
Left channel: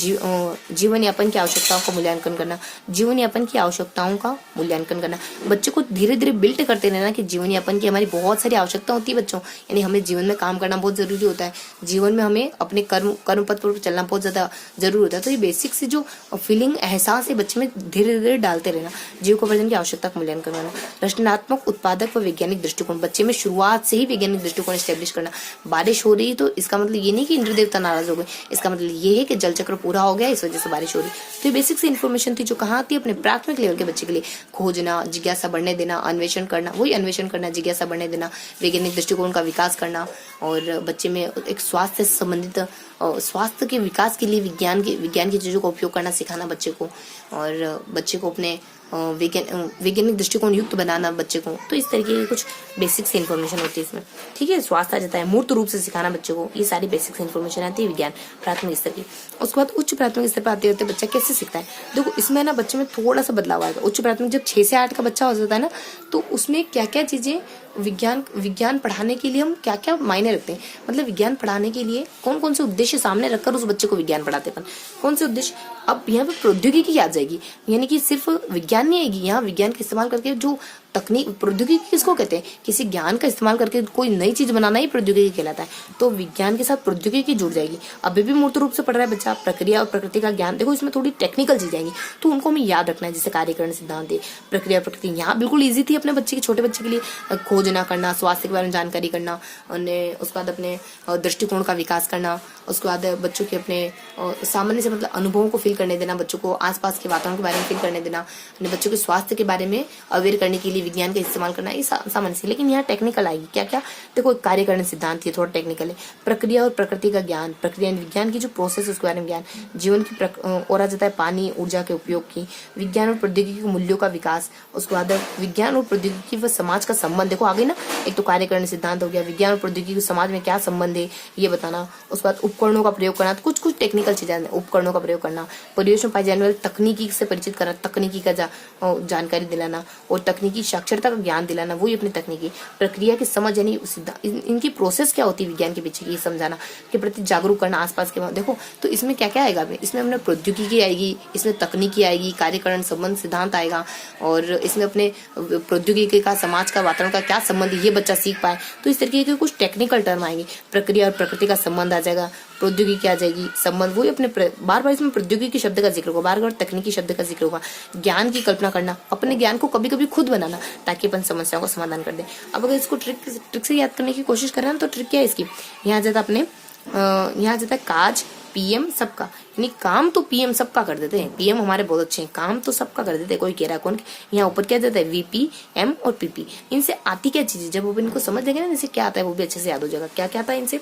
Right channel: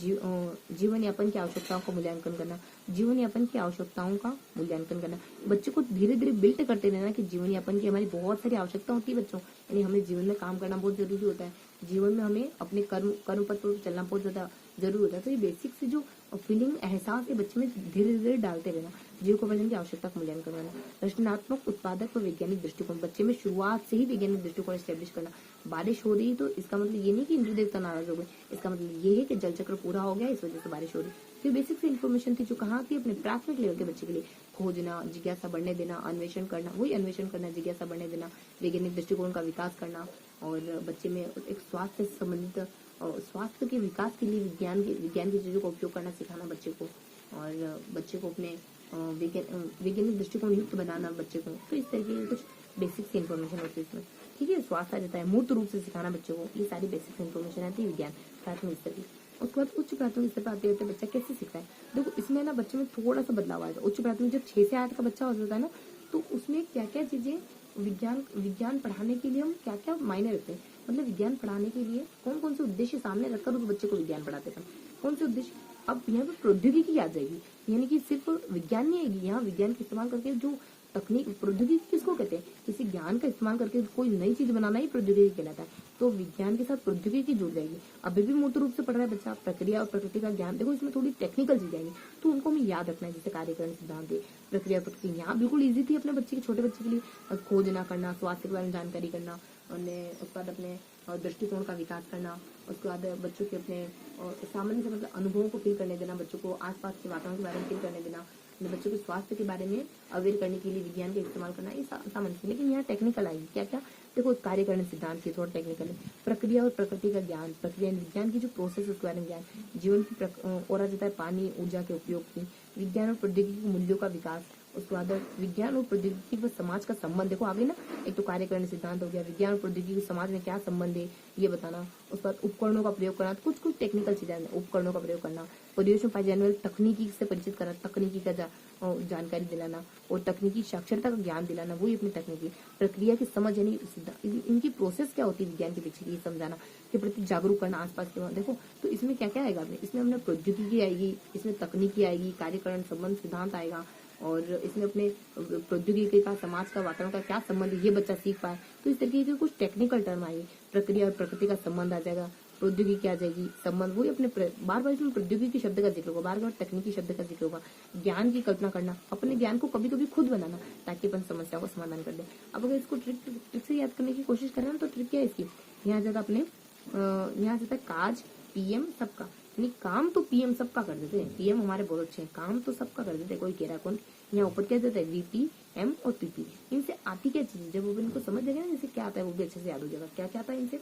जीवन यापन की आवश्यकताओं का मूल्यांकन करना। जीवन यापन की आवश्यकताओं का मूल्यांकन करना, बच्चे को धीरे धीरे बिल्ड करते रहना कि जीवन यापन की हमारी बहुत सारी आवश्यकता होती है बच्चों, यानी हमें जीवन में काम करना बहुत जरूरी होता है। जीवन में हमें अपने कर्म पथ पर चलना बहुत ज्यादा जरूरी होता है। तो ये बेसिक से जो फीलिंग, एहसास है बच्चे में धीरे धीरे डालते रहना। जीविकोपार्जन की आवश्यकता का मूल्यांकन करना। रचनात्मक, उत्पादक व वैज्ञानिक दृष्टिकोण, बच्चे में शुरुआत से ही वैज्ञानिक दृष्टिकोण स्टैब्लिश करना। बारिश हो रही तो इसका मतलब ये नहीं कि इंद्र देवता नाराज हो गए, इसका मतलब ये है कि जल चक्र पूरा हो गया, इस वजह से बारिश हो रही। तो ये बेसिक से इन्फॉर्मेशन थी जो कहाँ आती है, अपने प्राथमिक लेवल के बच्चे के लिए। खोजना, जिज्ञासा बढ़ने देना, अन्वेषण करना, वही अन्वेषण करना, जिज्ञासा बढ़ने देना, वैज्ञानिक दृष्टिकोण का विकास करना, और बच्चे में एक स्वास्थ्य से संबंधित, स्वास्थ्य के विकास के लिए विज्ञान की चीजों का उपयोग करना सिखाना बच्चे को, और बच्चे को अपने वैज्ञानिक दृष्टिकोण युक्त बनाना बच्चे को। तो इस तरीके की कुछ बेसिक से इन्फॉर्मेशन होती है इसमें। ठीक है, स्वास्थ्य आ जाता है, मूर्त रूप से सिखाना बच्चे को, ये सारी बेसिक से इन्फॉर्मेशन आती है विज्ञान प्राथमिक स्तर की। उसके बाद उच्च प्राथमिक स्तर पर आते होते बच्चा कैसे सीखता है। देखो इसमें ना बच्चे में थोड़ा सा बदलाव आएगा। उच्च प्राथमिक जब 6 से 8 का बच्चा हो जाता है ना, तो उसमें क्या क्या चीजें विज्ञान पढ़ाने के लिए हम क्या क्या मायने रखते हैं, मतलब विज्ञान पढ़ाने के लिए कौन कौन से उद्देश्य सामने रखकर उस बच्चे को विज्ञान पढ़ाते हैं, कौन से उद्देश्य। अब यहाँ पे प्रौद्योगिकी आ जाएगी, यानी कि सिर्फ विज्ञान नहीं आएगी, यहाँ विज्ञान का इस्तेमाल करके जो तकनीक, प्रौद्योगिकी किसको कहते हैं, किसी ज्ञान का इस्तेमाल करके कोई नई चीज बनाना ही प्रौद्योगिकी कहलाता है। तो विज्ञान के साथ प्रौद्योगिकी जुड़ जाएगी। अभी भी मूर्त रूप से पढ़ रहा है बच्चा, प्रक्रिया और प्रकृति का ज्ञान, देखो इसमें थोड़ी टेक्निकल चीज आएंगी, तो उनको हमें याद रखना है, जैसे कार्यकरण सिद्धांत है, प्रक्रिया प्रकृति। यहाँ बिल्कुल ईजी थी अपने बच्चे के, छोटे बच्चे के लिए खोजना करना, स्वास्थ्य के बारे में जानकारी करना, उसके बाद अपने दृष्टिकोण का विकास करना, उसके बाद बच्चों के अपने सामान्य से मतलब अनुभवों को फील करने देना, बच्चों को आसपास के वातावरण के बारे में फील करने देना, बच्चों के स्वास्थ्य के बारे में अवेयर करने के लिए विज्ञान का इस्तेमाल करना, ये सामान्य से। लेकिन यहाँ टेक्निकल आएगी, क्या क्या, देखो कार्यकरण सिद्धांत ये थोड़ा टेक्निकल है, प्रक्रिया और प्रकृति का ज्ञान, प्रक्रिया विज्ञान की जो प्रोसेस उसके बारे में ज्ञान, जीवन की और आ जाता है पानी, ऊर्जा के उपयोग की, विज्ञान और प्रौद्योगिकी के मूल्यों का विकास, उसके बाद विज्ञान और प्रौद्योगिकी व समाज का संबंध, देखो आगे ना, एक तो कार्यकरण सिद्धांत हो गया, विज्ञान और प्रौद्योगिकी समाज में क्या संबंध है ये बताना, उसके बाद उपकरणों का प्रयोग करना, कुछ कुछ टेक्निकल चीजें, उपकरणों का प्रयोग करना, परिवेश में पाई जाने वाली तकनीकी से परिचित करना, तकनीकी का जानकारी दिलाना, और तकनीकी साक्षरता का ज्ञान दिलाना, वही अपनी तकनीकी प्रक्रिया की समझ, यानी इनकी प्रोसेस क्या होती है विज्ञान के पीछे की समझाना, के प्रति जागरूक करना आसपास के। देखो तो इसमें क्या क्या आएगा, इसमें अपने प्रौद्योगिकी आएगी, इसमें तकनीकी आएगी, कार्यकरण संबंध सिद्धांत आएगा, और इसमें अपने प्रौद्योगिकी का समाज का वातावरण का क्या संबंध है ये बच्चा सीख पाए। तो इस तरीके के कुछ टेक्निकल टर्म आएंगे, प्रक्रिया और प्रकृति का संबंध आ जाएगा, प्रौद्योगिकी आ जाएगी, संबंध, वही अपने बार बार इसमें प्रौद्योगिकी शब्द का जिक्र होगा, बार बार तकनीकी शब्द का जिक्र होगा, ज्ञान की कल्पना करना, अपने ज्ञान को कभी कभी खुद बनाना ताकि अपन समस्याओं का समाधान कर दें। अब अगर इसको ट्रिक से याद करने की कोशिश कर रहे हैं तो ट्रिक क्या है इसकी, यहाँ जाता अपने यहाँ जाता है काज पीएम सबका, यानी काम तो पीएम सबका कर देते हैं, पीएम हमारे बहुत अच्छे हैं, काम तो सबका कर देते हैं, कोई कह रहा है कौन। यहाँ ऊपर क्या जाता है वीपी, एम और पीपी, इनसे आती क्या चीज है, जब वो इनको समझ देंगे ना इनसे क्या आता है वो भी अच्छे से याद हो जाएगा। क्या क्या आता है इनसे,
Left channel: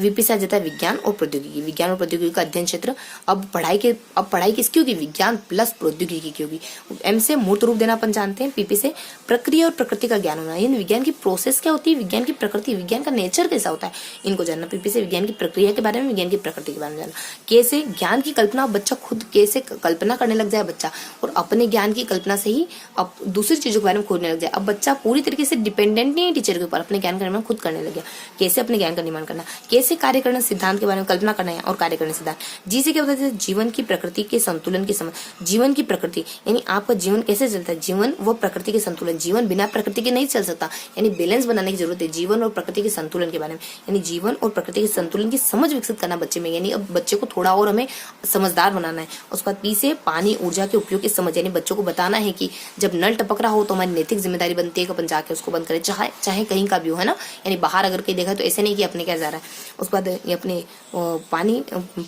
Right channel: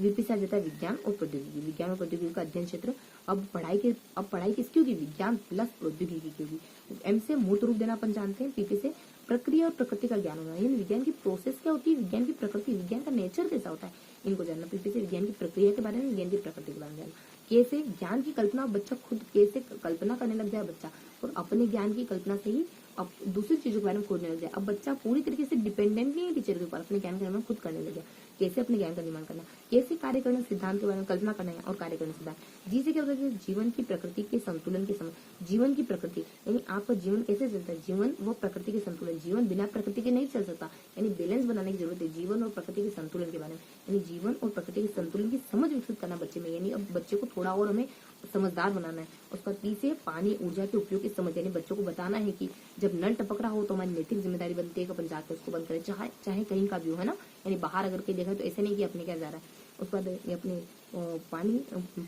वीपी से आ जाता है विज्ञान और प्रौद्योगिकी, विज्ञान और प्रौद्योगिकी का अध्ययन क्षेत्र। अब पढ़ाई किसकी होगी, विज्ञान प्लस प्रौद्योगिकी की होगी। एम से मूर्त रूप देना अपन जानते हैं, पीपी से प्रक्रिया और प्रकृति का ज्ञान होना, यानी विज्ञान की प्रोसेस क्या होती है, विज्ञान की प्रकृति, विज्ञान का नेचर कैसा होता है इनको जानना। पीपी से विज्ञान की प्रक्रिया के बारे में, विज्ञान की प्रकृति के बारे में जानना। के से ज्ञान की कल्पना, बच्चा खुद कैसे कल्पना करने लग जाए बच्चा, और अपने ज्ञान की कल्पना से ही अब दूसरी चीजों के बारे में खोजने लग जाए। अब बच्चा पूरी तरीके से डिपेंडेंट नहीं है टीचर के ऊपर, अपने ज्ञान का निर्माण खुद करने लग गया। कैसे अपने ज्ञान का निर्माण करना, कैसे कैसे कार्य करना सिद्धांत के बारे में कल्पना करना है और कार्य करना सिद्धांत। जी से क्या होता है, जीवन की प्रकृति के संतुलन की समझ। जीवन की प्रकृति यानी आपका जीवन कैसे चलता है, जीवन व प्रकृति के संतुलन। जीवन बिना प्रकृति के नहीं चल सकता, यानी बैलेंस बनाने की जरूरत है जीवन और प्रकृति के संतुलन के बारे में। यानी जीवन और प्रकृति के संतुलन की समझ विकसित करना बच्चे में, यानी अब बच्चे को थोड़ा और हमें समझदार बनाना है। उसके बाद पी से पानी ऊर्जा के उपयोग की समझ, यानी बच्चों को बताना है कि जब नल टपक रहा हो तो हमारी नैतिक जिम्मेदारी बनती है कि अपन जाके उसको बंद करें, चाहे चाहे कहीं का भी हो, है ना। यानी बाहर अगर कहीं देखा तो ऐसे नहीं कि अपने क्या जा रहा है। उसके बाद ये अपने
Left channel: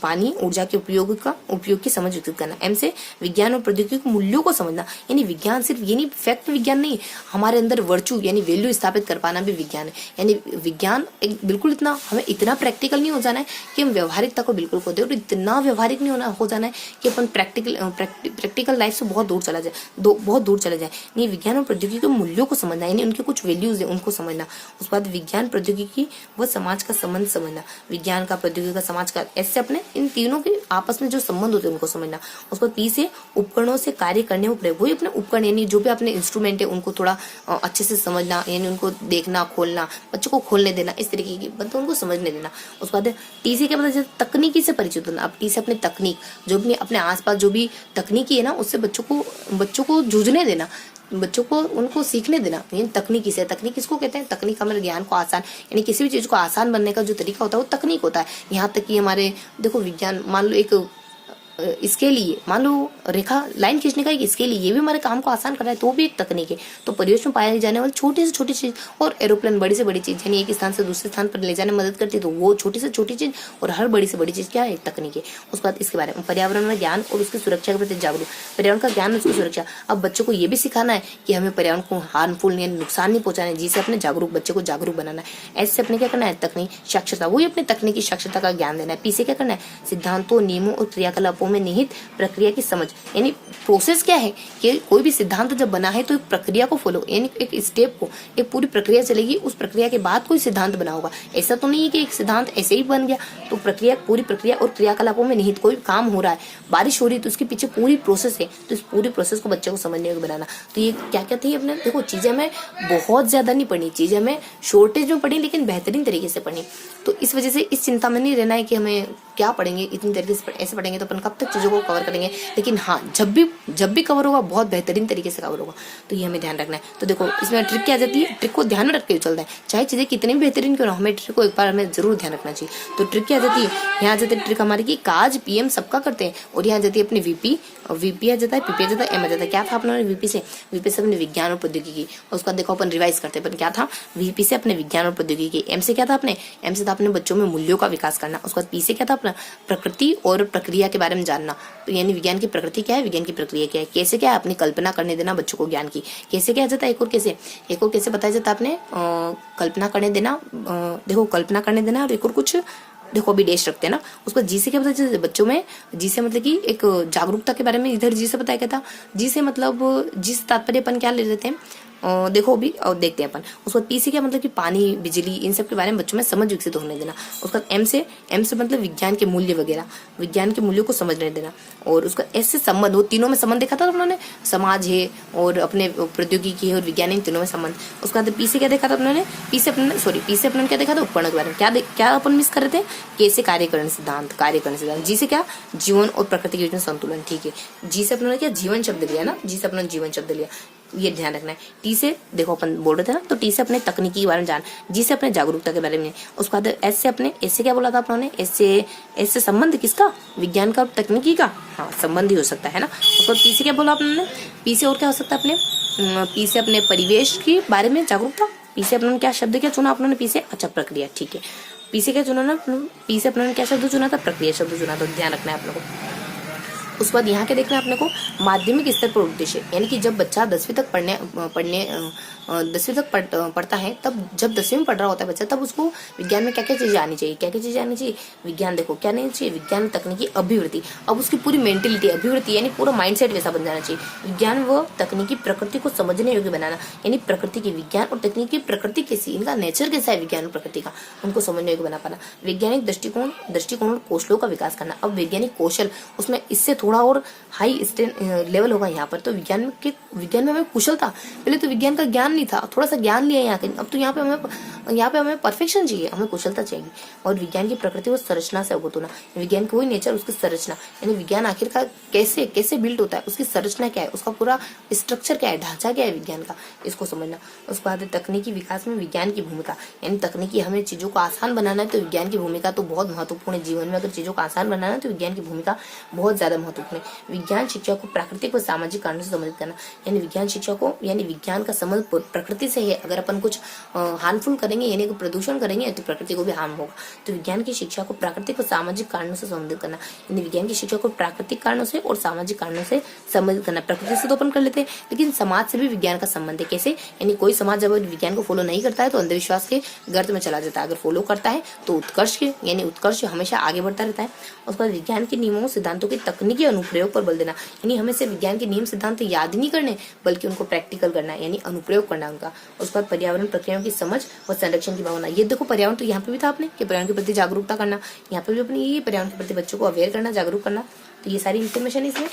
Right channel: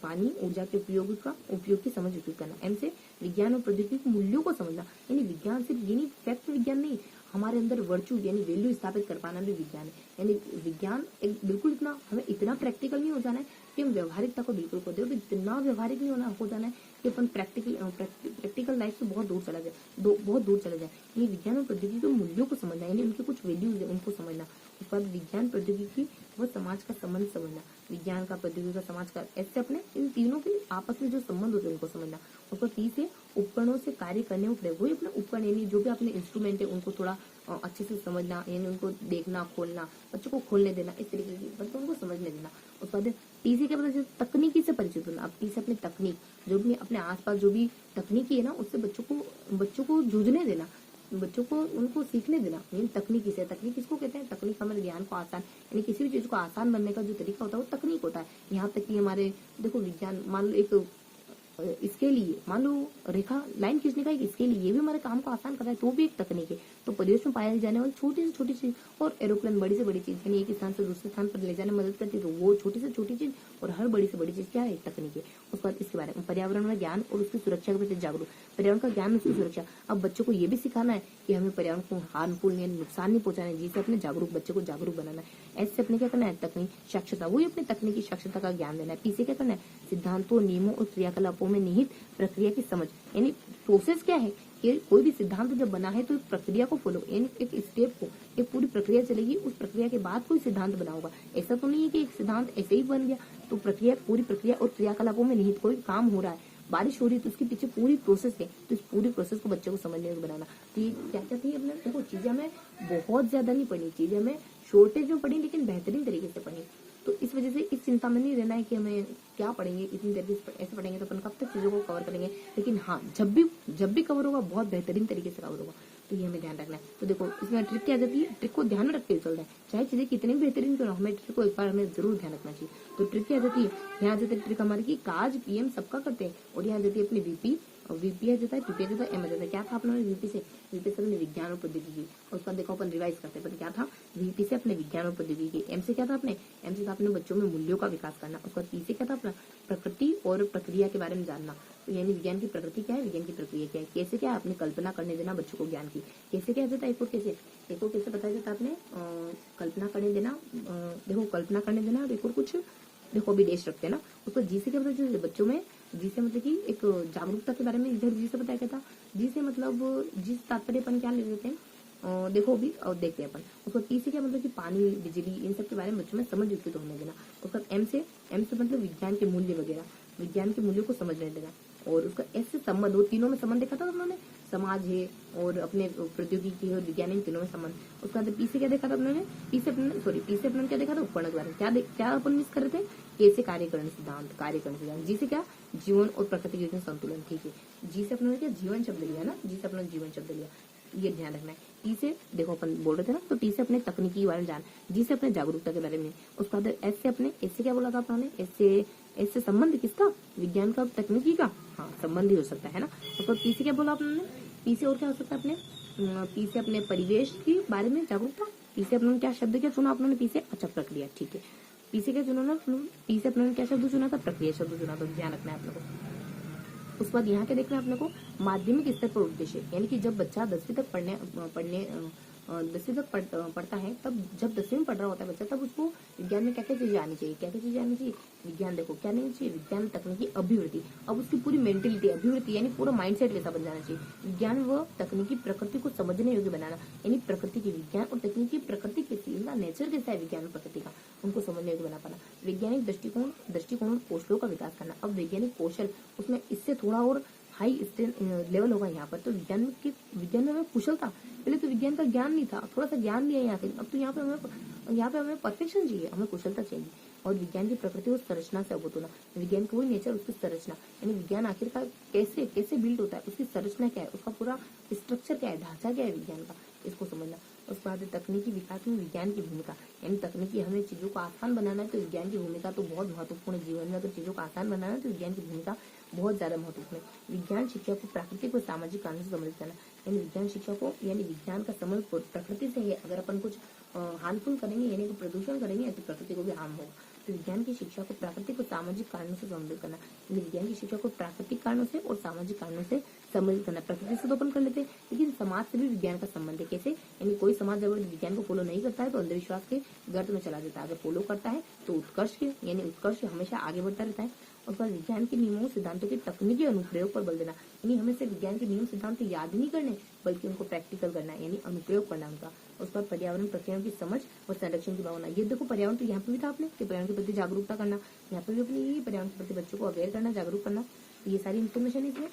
पानी ऊर्जा के उपयोग की समझ विकसित करना। एम से विज्ञान और प्रौद्योगिकी मूल्यों को समझना, यानी विज्ञान सिर्फ ये नहीं, फैक्ट विज्ञान नहीं, हमारे अंदर वर्चू यानी वैल्यू स्थापित कर पाना भी विज्ञान है। यानी विज्ञान एक बिल्कुल इतना हमें इतना प्रैक्टिकल नहीं हो जाना है कि हम व्यवहारिकता को बिल्कुल खो दे, और इतना व्यवहारिक नहीं हो जाना है कि अपन प्रैक्टिकल लाइफ से बहुत दूर चला जाए। नहीं, विज्ञान और प्रौद्योगिकी के मूल्यों को समझना, यानी उनके कुछ वैल्यूज है उनको समझना। उसके बाद विज्ञान प्रौद्योगिकी व समाज का संबंध समझना, विज्ञान का, प्रौद्योगिकी का, समाज का, ऐसे अपने इन तीनों के आपस में जो संबंध होते हैं उनको समझना। उसके बाद पी से उपकरणों से कार्य करने में प्रयोग, वही अपने उपकरण यानी जो भी अपने इंस्ट्रूमेंट है उनको थोड़ा अच्छे से समझना, यानी उनको देखना, खोलना, बच्चों को खोलने देना, इस तरीके की मतलब उनको समझने देना। उसके बाद टी से क्या पता चलता, तकनीकी से परिचित होना। अब टी से अपने तकनीक, जो भी अपने आसपास जो भी तकनीकी है ना, उससे बच्चों को जूझने देना, बच्चों को उनको सीखने देना। यानी तकनीकी से, तकनीक किसको कहते हैं, तकनीक हमारे ज्ञान को आसान, यानी किसी भी चीज को आसान बनने का जो तरीका होता है वो तकनीक होता है। यहाँ तक कि हमारे देखो विज्ञान, मान लो एक इसके लिए, मान लो रेखा लाइन खींचने का एक इसके लिए, ये भी हमारे काम को आसान कर रहा है, तो भी एक तकनीक है। तो परिवेश में पाई जाने वाली छोटी से छोटी चीज, और एरोप्लेन बड़ी से बड़ी चीज, यानी एक स्थान से दूसरे स्थान पर ले जाने में मदद करती है, तो वो छोटी से छोटी चीज और हर बड़ी से बड़ी चीज क्या है, एक तकनीक है। उसके बाद इसके बारे में पर्यावरण में ज्ञान और उसकी सुरक्षा के प्रति जागरूक, पर्यावरण का ज्ञान, उसकी सुरक्षा। अब बच्चों को ये भी सिखाना है कि हमें पर्यावरण को हार्मफुल यानी नुकसान नहीं पहुंचाना है, जिससे अपने जागरूक बच्चे को जागरूक बनाना है। ऐसे अपने क्या करना है, तकनीक साक्षरता, वही अपने तकनीकी साक्षरता का ज्ञान देना है। पी से क्या करना है, सिद्धांतों, नियमों और क्रियाकलापों में निहित प्रक्रिया की समझ, यानी प्रोसेस क्या है कि कोई भी सिद्धांत जब बना है तो एक प्रक्रिया को फॉलो, यानी एक स्टेप को, एक पूरी प्रक्रिया चलेगी, उस प्रक्रिया के बाद कोई सिद्धांत बना होगा। ऐसा तो नहीं है कि एक सिद्धांत ऐसे ही बन गया, तो प्रक्रिया, पूरी प्रक्रिया और क्रियाकलापों में निहित कोई काम हो रहा है, बारिश हो रही है तो उसके पीछे पूरी प्रोसेस है, तो इस पूरी प्रोसेस को बच्चे को समझने को बनाना। तो ये क्या क्या थी अपने, देखो चीजें हमें बहुत ज्यादा नहीं पढ़नी, चीजें हमें शॉर्टेज में पढ़ी लेकिन बेहतरीन तरीके से पढ़नी। तो इस वजह से इस चिंता में नहीं रहना है कि हमें क्या पढ़ेंगे, इतनी तरीके से ऐसे पढ़ेंगे तो अपन कब तक चीजों को कवर करेंगे। लेकिन हाँ, जब भी कवर होगा बहुत बेहतरीन तरीके से कवर होगा, तो ये हमें ध्यान रखना है। तो देखो इसमें ट्रिक क्या आ जाती है, ट्रिक को ध्यान में रख के चलता है, चाहे चीजें कितनी भी बेहतरीन क्यों ना, हमें ट्रिक को एक बार हमें जरूर ध्यान रखना चाहिए। तो ट्रिक क्या आ जाती है, यहाँ आ जाती है ट्रिक हमारी की काज पीएम सबका करते हैं, और यहाँ जाती है अपनी वीपी आ जाता है, पीपी आ जाता है, एम आ जाता है। क्या था अपने वीपी से अपने विज्ञान और प्रौद्योगिकी, उसका देखो अपन रिवाइज करते हैं, क्या था, वीपी से अपने विज्ञान और प्रौद्योगिकी। एम से क्या था अपने, एम से था अपने बच्चों में मूल्यों का विकास करना। उसके बाद पी से क्या था अपना, प्रकृति और प्रक्रिया के बारे में जानना, तो यानी विज्ञान की प्रकृति क्या है, विज्ञान की प्रक्रिया क्या है, कैसे क्या है, अपनी कल्पना करने देना बच्चों को ज्ञान की। कैसे क्या जाता है, एक और कैसे बताया जाता है आपने, कल्पना करने देना, देखो कल्पना करने देना, और एक और कुछ देखो अभी डेश रखते हैं ना। उसको जी से क्या बताया जाता है बच्चों में, जी से मतलब कि एक जागरूकता के बारे में, इधर जी से बताया गया था। जी से मतलब जी से तात्पर्य अपन क्या ले लेते हैं, देखो अभी और देखते हैं अपन। उसके बाद पी से क्या मतलब कि पानी, बिजली, इन सब के बारे में बच्चों में समझ विकसित होने देना। उसका एम से मतलब विज्ञान के मूल्य वगैरह, विज्ञान के मूल्यों को समझने देना। और उसका एस से संबंध, वो तीनों में संबंध देखा था उन्होंने, समाज है और अपने प्रौद्योगिकी है और विज्ञान, इन तीनों में संबंध। उसके बाद पी से क्या देखा था उन्होंने, पी से अपने क्या देखा था, उपकरण के बारे में। क्या अपन मिस कर रहे थे, कैसे कार्यकरण सिद्धांत। जी से क्या, जीवन और प्रकृति के बीच में संतुलन, ठीक है। जी से अपने क्या, जीवन शब्द लिया ना, जी से अपने जीवन शब्द लिया, ये ध्यान रखना है। टी से देखो अपन बोल रहे थे ना, तो टी से अपने तकनीकी के बारे में जान, जी से अपने जागरूकता के बारे में। उसके बाद एस से क्या बोला था अपने, एस से संबंध किसका, विज्ञान का और तकनीकी का, हाँ संबंध ही हो सकता है ना। उसके बाद पी से क्या बोला अपने, पी से और क्या हो सकता है अपने, पी से अपने परिवेश के बारे में जागरूकता। पी से अपने क्या शब्द क्या चुना अपने, पी से अच्छा प्रक्रिया, ठीक है। पी से क्या चुना ना, पी से अपने क्या शब्द चुना था, प्रक्रिया शब्द चुना, तो ध्यान रखना है आप लोगों को। उसके बाद यहाँ क्या देखना है अपने को, माध्यमिक स्तर पर उद्देश्य, यानी कि जब बच्चा 10वीं तक पढ़ता है, तब जब 10वीं में पढ़ रहा होता है बच्चा, तब उसको विज्ञान में क्या क्या चीजें आनी चाहिए, विज्ञान देखो क्या नहीं चाहिए, विज्ञान तकनीकी अभिवृत्ति। अब उसकी पूरी मेंटेलिटी, अभिवृत्ति यानी पूरा माइंडसेट वैसा बन जाना चाहिए। विज्ञान व तकनीकी प्रकृति को समझने योग्य बनाना, यानी प्रकृति की, विज्ञान और तकनीकी प्रकृति कैसी, इनका नेचर कैसा है विज्ञान और प्रकृति का, उनको समझने योग्य बना पाना। वैज्ञानिक दृष्टिकोण और कौशलों का विकास करना। अब वैज्ञानिक कौशल, उसमें इससे थोड़ा और हाई लेवल होगा यहाँ पर। तो विज्ञान में हमें कुशलता, पहले तो विज्ञान का ज्ञान नहीं था, थोड़ा सा ज्ञान लिया यहाँ के, अब तो यहाँ पे हमें परफेक्शन चाहिए, हमें कुशलता चाहिए। और विज्ञान की प्रकृति व संरचना से अवगत होना, विज्ञान का वही नेचर, उसकी संरचना, यानी विज्ञान आखिरकार कैसे कैसे बिल्ड होता है, उसकी संरचना क्या है, उसका पूरा स्ट्रक्चर क्या है, ढांचा क्या है विज्ञान का, इसको समझना। उसके बाद तकनीकी विकास में विज्ञान की भूमिका, यानी तकनीकी हमें चीजों को आसान बनाना है तो विज्ञान की भूमिका तो बहुत महत्वपूर्ण है। जीवन में अगर चीजों को आसान बनाना है तो विज्ञान की भूमिका बहुत ज्यादा महत्वपूर्ण है। विज्ञान शिक्षा को प्राकृतिक व सामाजिक कारणों से संबंधित करना, यानी विज्ञान शिक्षा को, यानी विज्ञान का संबंध प्रकृति से है। अगर अपन कुछ हार्मफुल करेंगे यानी कि प्रदूषण करेंगे तो प्रकृति को भी हार्म होगा। तो विज्ञान की शिक्षा को प्राकृतिक और सामाजिक कारणों से संबंधित करना, यानी विज्ञान की शिक्षा को प्राकृतिक कारणों से और सामाजिक कारणों से संबंधित करना। प्रकृति से तो अपन कर लेते हैं, लेकिन समाज से भी विज्ञान का संबंध है। कैसे, यानी कोई समाज जब विज्ञान को फॉलो नहीं करता है तो अंधविश्वास के गर्त में चला जाता है, अगर फॉलो करता है तो उत्कर्ष के, यानी उत्कर्ष हमेशा आगे बढ़ता रहता है। उसके बाद विज्ञान के नियमों सिद्धांतों के तकनीकी अनुप्रयोग पर बल देना, यानी हमें सिर्फ विज्ञान के नियम सिद्धांत याद ही नहीं करने बल्कि उनको प्रैक्टिकल करना है, यानी अनुप्रयोग करना उनका। उसके बाद पर्यावरण प्रक्रियाओं की समझ व संरक्षण की भावना, ये देखो पर्यावरण तो यहाँ पे भी था आपने कि पर्यावरण के प्रति जागरूकता करना, यहाँ पे भी अपने ये पर्यावरण के प्रति बच्चों को अवेयर करना, जागरूक करना। तो ये सारी इन्फॉर्मेशन इसमें।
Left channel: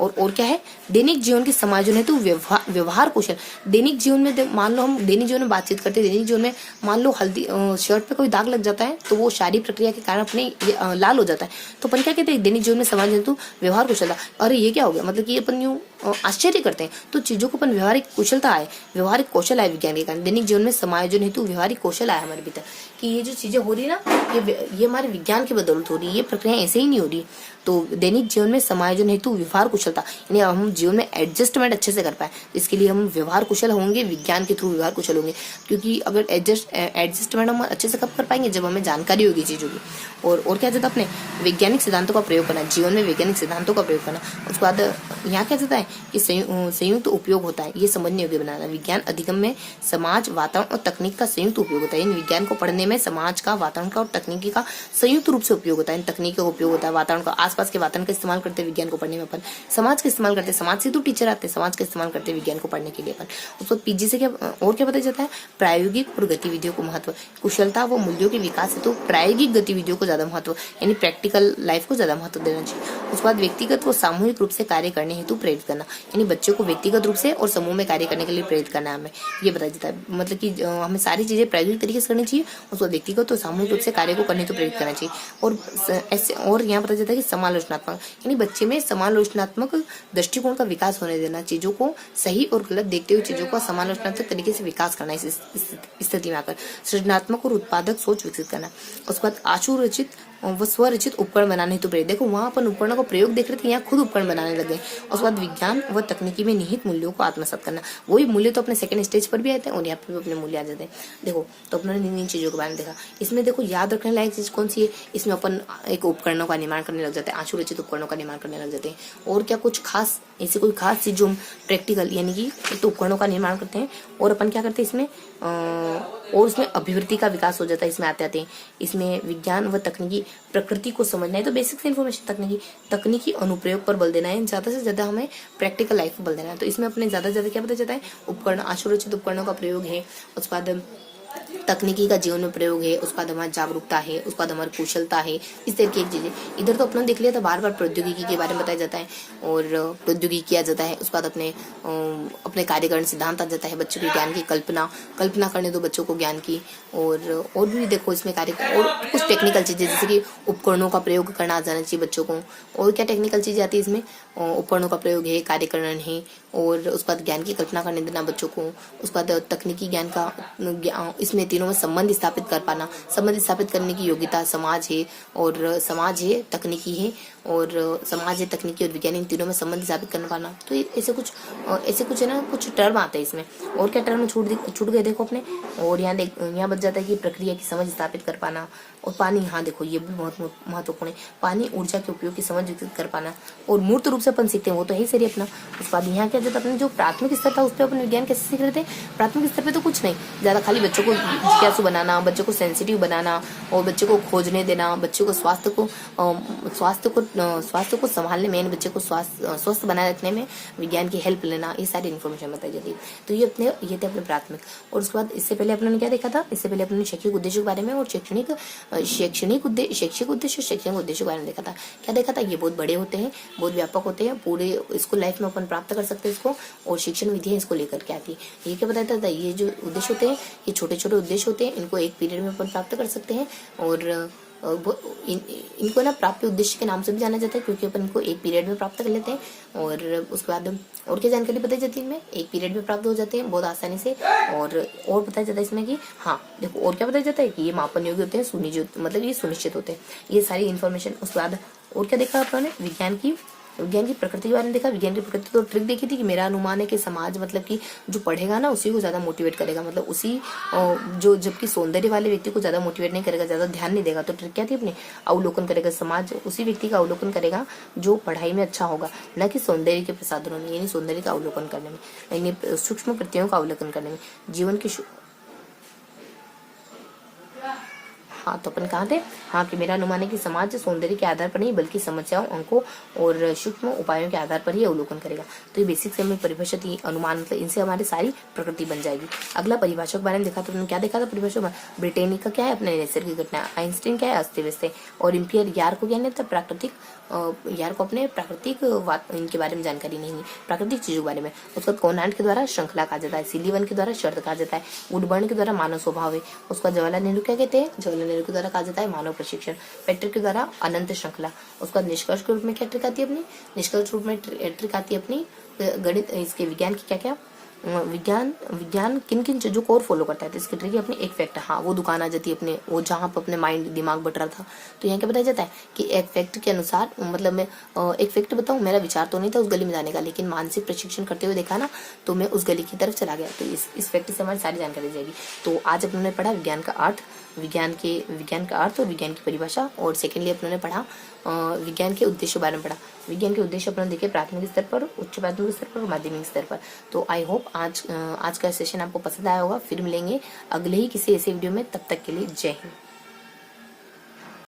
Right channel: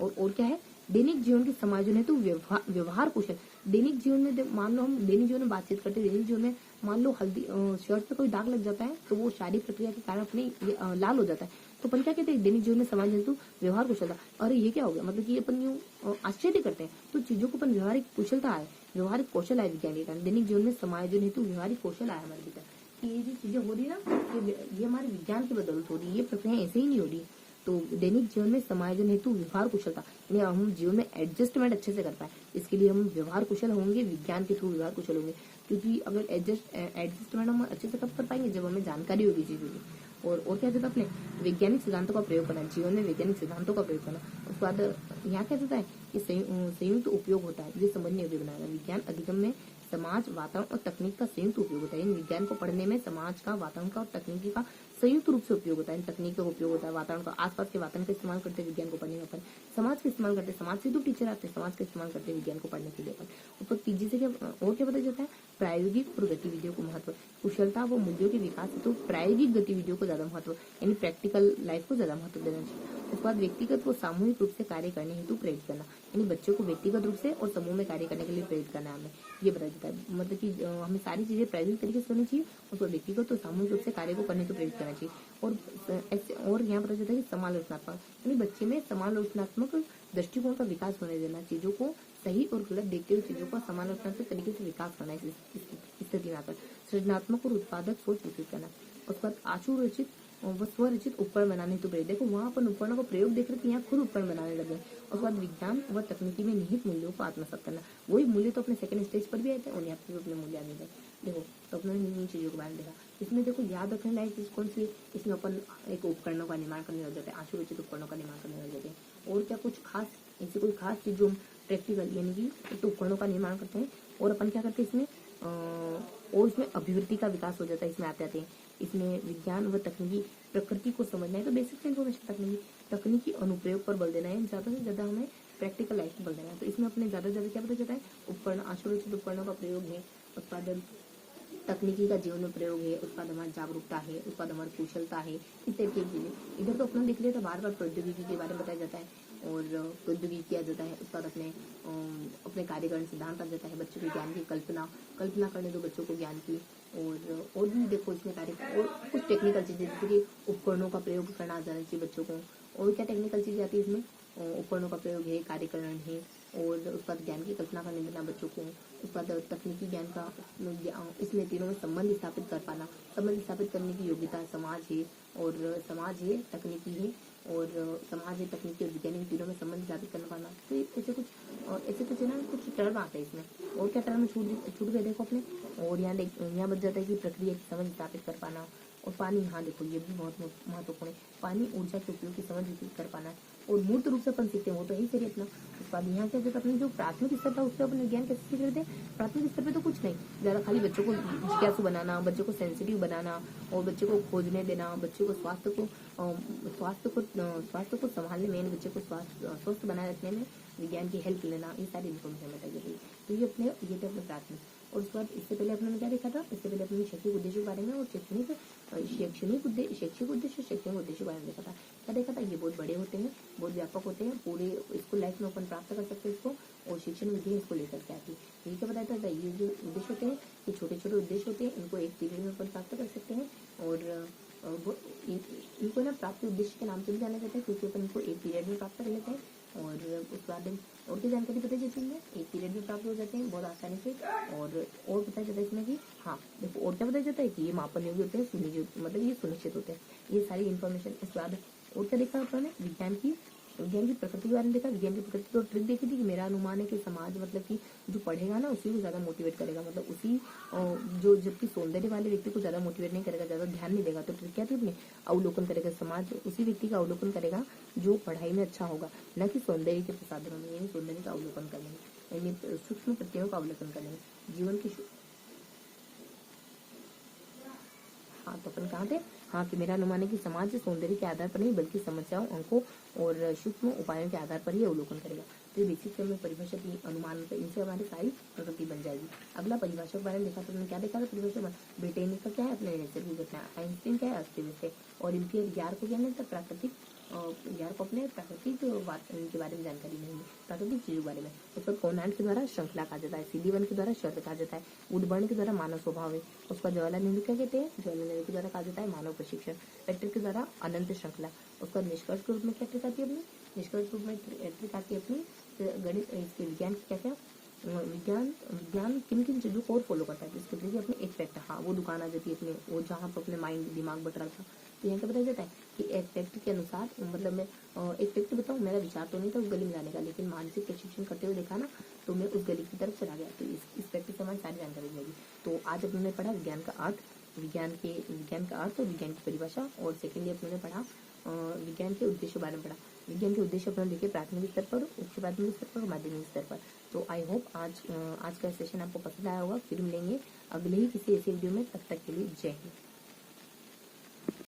और क्या है, दैनिक जीवन के समायोजन हेतु व्यवहार कौशल। दैनिक जीवन में मान लो हम दैनिक जीवन में बातचीत करते हैं, दैनिक जीवन में मान लो हल्दी शर्ट पे कोई दाग लग जाता है तो वो शारीरिक प्रक्रिया के कारण अपने लाल हो जाता है, तो अपन क्या कहते हैं, दैनिक जीवन में समायोजन हेतु व्यवहार कुशलता। अरे ये क्या हो गया, मतलब कि अपन यूँ आश्चर्य करते हैं, तो चीजों को अपन व्यवहारिक कुशलता आए, व्यवहारिक कौशल आए विज्ञान के कारण। दैनिक जीवन में समायोजन हेतु व्यवहारिक कौशल आया हमारे भीतर कि ये जो चीजें हो रही है ना, ये हमारे विज्ञान की बदौलत हो रही है, ये प्रक्रिया ऐसे ही नहीं हो रही। तो दैनिक जीवन में समायोजन हेतु व्यवहार कुशलता, यानी हम जीवन में एडजस्टमेंट अच्छे से कर पाए, इसके लिए हम व्यवहार कुशल होंगे, विज्ञान के थ्रू व्यवहार कुशल होंगे। क्योंकि अगर एडजस्टमेंट हम अच्छे से कब कर पाएंगे, जब हमें जानकारी होगी चीजों की। और क्या जाता है, अपने वैज्ञानिक सिद्धांतों का प्रयोग करना, जीवन में वैज्ञानिक सिद्धांतों का प्रयोग करना। उसके बाद यहाँ क्या जाता है कि संयुक्त उपयोग होता है, ये समझने योग्य बनाना। विज्ञान अधिगम में समाज, वातावरण और तकनीक का संयुक्त उपयोग होता है। इन विज्ञान को पढ़ने में समाज का, वातावरण का और तकनीकी का संयुक्त रूप से उपयोग होता है। इन तकनीक का उपयोग होता है, वातावरण का, आसपास के वातावरण का इस्तेमाल करते हैं विज्ञान को पढ़ने में अपन, समाज का इस्तेमाल करते हैं, समाज से तो टीचर आते हैं, समाज का इस्तेमाल करते हैं विज्ञान को पढ़ने के लिए अपन। उसको पीजी से क्या और क्या बताया जाता है, प्रायोगिक और गतिविधियों को महत्व, कुशलता व मूल्यों के विकास है तो प्रायोगिक गतिविधियों को ज्यादा महत्व, यानी प्रैक्टिकल लाइफ को ज्यादा महत्व देना चाहिए। उसके बाद व्यक्तिगत व सामूहिक रूप से कार्य करने हेतु प्रेरित करना, यानी बच्चों को व्यक्तिगत रूप से और समूह में कार्य करने के लिए प्रेरित करना है हमें, ये बताया जाता है। मतलब कि हमें सारी चीजें प्रायोगिक तरीके से करनी चाहिए, उसको व्यक्तिगत और सामूहिक रूप से कार्य को करने हेतु प्रेरित करना चाहिए। और ऐसे और यहाँ बताया जाता है कि समालोचनात्मक, यानी बच्चे में समालोचनात्मक दृष्टिकोण का विकास होने देना, चीजों को सही और गलत देखते हुए चीजों का समालोचनात्मक तरीके से विकास करना, इस स्थिति में आकर सृजनात्मक और उत्पादक सोच विकसित करना। उसके बाद आशु रचित व स्वरचित उपकरण बनाने हेतु प्रेरित, देखो वहां अपन उपकरणों का प्रयोग देख रहे थे, यहाँ खुद उपकरण बनाने लगे। उसके बाद विज्ञान व तकनीकी में निहित मूल्यों को आत्मसात करना, वही मूल्य तो अपने सेकंड स्टेज पर भी आते हैं और यहाँ पे भी अपने मूल्य आ जाते हैं। देखो तो अपने इन चीजों के बारे में देखा, इसमें देखो याद रखने लायक चीज कौन सी है, इसमें अपन एक उपकरणों का निर्माण करने लग जाते हैं, आशु रचित उपकरणों का निर्माण करने लग जाते हैं। और क्या कुछ खास ऐसी कोई खास चीज जो हम प्रैक्टिकल, यानी कि एक तो उपकरणों का निर्माण करते हैं और अपन क्या करते हैं इसमें और उसमें अभिवृत्ति का विकास हो जाता है। इसमें आते हैं इसमें विज्ञान व तकनीकी प्रकृति को समझना है, तो बेसिक से इन्फॉर्मेशन, तकनीकी अनुप्रयोग पर बल देना है, ज्यादा से ज्यादा हमें प्रैक्टिकल लाइफ पर बल देना है। तो इसमें अपने ज्यादा से ज्यादा क्या पता जाता है, उपकरण, आशुरचित उपकरणों का प्रयोग है, उसके बाद तकनीकी का जीवन में प्रयोग है, उसके बाद हमारी जागरूकता है, उसके बाद हमारी कुशलता है, इस तरह की एक चीजें। इधर तो अपने देख लिया था, बार बार प्रौद्योगिकी के बारे में बताया जाता है और प्रौद्योगिकी किया जाता है। उसके बाद अपने कार्यकरण सिद्धांत आ जाता है, बच्चों के ज्ञान की कल्पना करने दो बच्चों को ज्ञान की। और भी देखो इसमें कार्य और कुछ टेक्निकल चीजें, जैसे कि उपकरणों का प्रयोग करना आ जाना चाहिए बच्चों को। और क्या टेक्निकल चीजें आती है इसमें, उपकरणों का प्रयोग है, कार्यकरण है, और उसके बाद ज्ञान की कल्पना करने देना बच्चों को। उसके बाद तकनीकी ज्ञान का, इसमें तीनों में संबंध स्थापित कर पाना, संबंध स्थापित करने की योग्यता समाज है, और समाज है, तकनीकी है, और समाज है, तकनीकी और विज्ञान, इन तीनों में संबंध स्थापित कर पाना। तो ऐसे कुछ है ना, कुछ टर्म आते हैं इसमें। और क्या टर्म छूट गए देखो अपने, और यहाँ बच जाता है कि प्रक्रिया की समझ स्थापित कर पाना। और पानी, हाँ देखो ये भी बहुत महत्वपूर्ण है, पानी ऊर्जा के उपयोग की समझ विकसित कर पाना। और मूर्त रूप से अपन सीखते हैं, वो तो है ही सही अपना। उसके बाद यहाँ क्या जाता है, अपने जो प्राथमिक स्तर था उस पर अपन विज्ञान कैसे सीख रहे थे, प्राथमिक स्तर पे तो कुछ नहीं ज्यादा, खाली बच्चों को जिज्ञासु बनाना, बच्चों को सेंसिटिव बनाना, और बच्चों को खोजने देना, बच्चों को स्वास्थ्य को स्वास्थ्य को संभालने में, बच्चे को स्वस्थ बनाए रखने में विज्ञान की हेल्प लेना, ये सारी इन्फॉर्मेशन बताई जाती है। तो ये थे अपने प्राथमिक। और उसके बाद इससे पहले अपने क्या देखा था, इससे पहले अपने शैक्षिक उद्देश्य के बारे में और शैक्षिक उद्देश्य शैक्षणिक उद्देश्य के बारे में देखा था। क्या देखा था, ये बहुत बड़े होते हैं, बहुत व्यापक होते हैं, पूरे स्कूल लाइफ में अपन प्राप्त कर सकते हैं इसको, और शिक्षण विधियां इसको लेकर के आती है। ये क्या बताया था, ये जो उद्देश्य होते हैं ये छोटे छोटे उद्देश्य होते हैं, इनको एक पीरियड में अपन प्राप्त कर सकते हैं। और इनको ना प्राप्ति उद्देश्य के नाम से भी जाना जाता है, क्योंकि अपन इनको एक पीरियड में प्राप्त कर लेते हैं। और उसके बाद और क्या जानकारी बताई जाती है इनमें, एक पीरियड में प्राप्त हो जाते हैं बहुत आसानी से। और बताया जाता है इसमें कि हाँ देखो, और क्या बताया जाता है कि ये मापन योग्य होते हैं, मतलब ये सुनिश्चित होते हैं, ये सारी इन्फॉर्मेशन। उसके बाद और क्या देखा अपन ने, विज्ञान की प्रकृति के बारे में देखा। विज्ञान की प्रकृति तो ट्रिक देखी थी कि मेरा अनुमान है कि समाज, मतलब कि जो पढ़ेगा ना उसी को ज्यादा मोटिवेट करेगा, मतलब उसी जो, जबकि सौंदर्य वाले व्यक्ति को ज्यादा मोटिवेट नहीं करेगा, ज्यादा ध्यान नहीं देगा। तो ट्रिक क्या थी अपने, अवलोकन करेगा, समाज उसी व्यक्ति का अवलोकन करेगा जो पढ़ाई में अच्छा होगा, न कि सौंदर्य के प्रसाधनों में, यानी सौंदर्य का अवलोकन करने में, यानी सूक्ष्म प्रत्ययों का अवलोकन करने में, जीवन के। हाँ, तो अपन कहाँ थे, हाँ कि मेरा अनुमान है कि समाज सौंदर्य के आधार पर नहीं बल्कि समस्याओं, अंकों और सूक्ष्म उपायों के आधार पर ही अवलोकन करेगा। तो ये बेसिक से हमें परिभाषा थी, अनुमान, मतलब इनसे हमारी सारी प्रकृति बन जाएगी। अगला परिभाषा के बारे में देखा तो उन्होंने क्या देखा था परिभाषा में, ब्रिटेनिका क्या है, अपने नैसर्गिक घटना, आइंस्टीन क्या है, अस्त व्यस्त, और इम्पियर यार को क्या नहीं था, प्राकृतिक, यार को अपने प्राकृतिक इनके बारे में जानकारी नहीं है, प्राकृतिक चीजों के बारे में। उसके बाद कोनार्ड के द्वारा श्रृंखला कहा जाता है, सिलीवन के द्वारा शर्त कहा जाता है, वुडबर्न के द्वारा मानव स्वभाव है। उसका जवाहरलाल नेहरू क्या कहते हैं, जवाहरलाल नेहरू के द्वारा कहा जाता है मानव प्रशिक्षण, पेट्रिक के द्वारा अनंत श्रृंखला। उसके बाद निष्कर्ष के रूप में क्या ट्रिक आती है अपनी, निष्कर्ष रूप में ट्रिक आती है अपनी गणित, इसके विज्ञान की क्या क्या विज्ञान किन किन चीजों को और फॉलो करता है। तो इसकी ट्रिक है अपने एक फैक्ट, हाँ वो दुकान आ जाती है अपने, वो जहाँ पर अपने माइंड दिमाग बट रहा था। तो यहाँ क्या बताया जाता है कि एक फैक्ट के अनुसार, मतलब मैं एक फैक्ट बताऊँ, मेरा विचार तो नहीं था उस गली में जाने का, लेकिन मानसिक प्रशिक्षण करते हुए देखा ना तो मैं उस गली की तरफ चला गया। तो इस फैक्ट से हमारी सारी जानकारी दी जाएगी। तो आज अपने पढ़ा विज्ञान का अर्थ, विज्ञान का अर्थ और विज्ञान की परिभाषा। और सेकेंडली अपने पढ़ा विज्ञान के उद्देश्य बारे में पढ़ा। विज्ञान के उद्देश्य अपने देखे प्राथमिक स्तर पर, उच्च प्राथमिक स्तर पर और माध्यमिक स्तर पर। तो आई होप आज का सेशन आपको पसंद आया होगा। फिर मिलेंगे अगले ही किसी ऐसे वीडियो में, तब तक के लिए जय हिंद।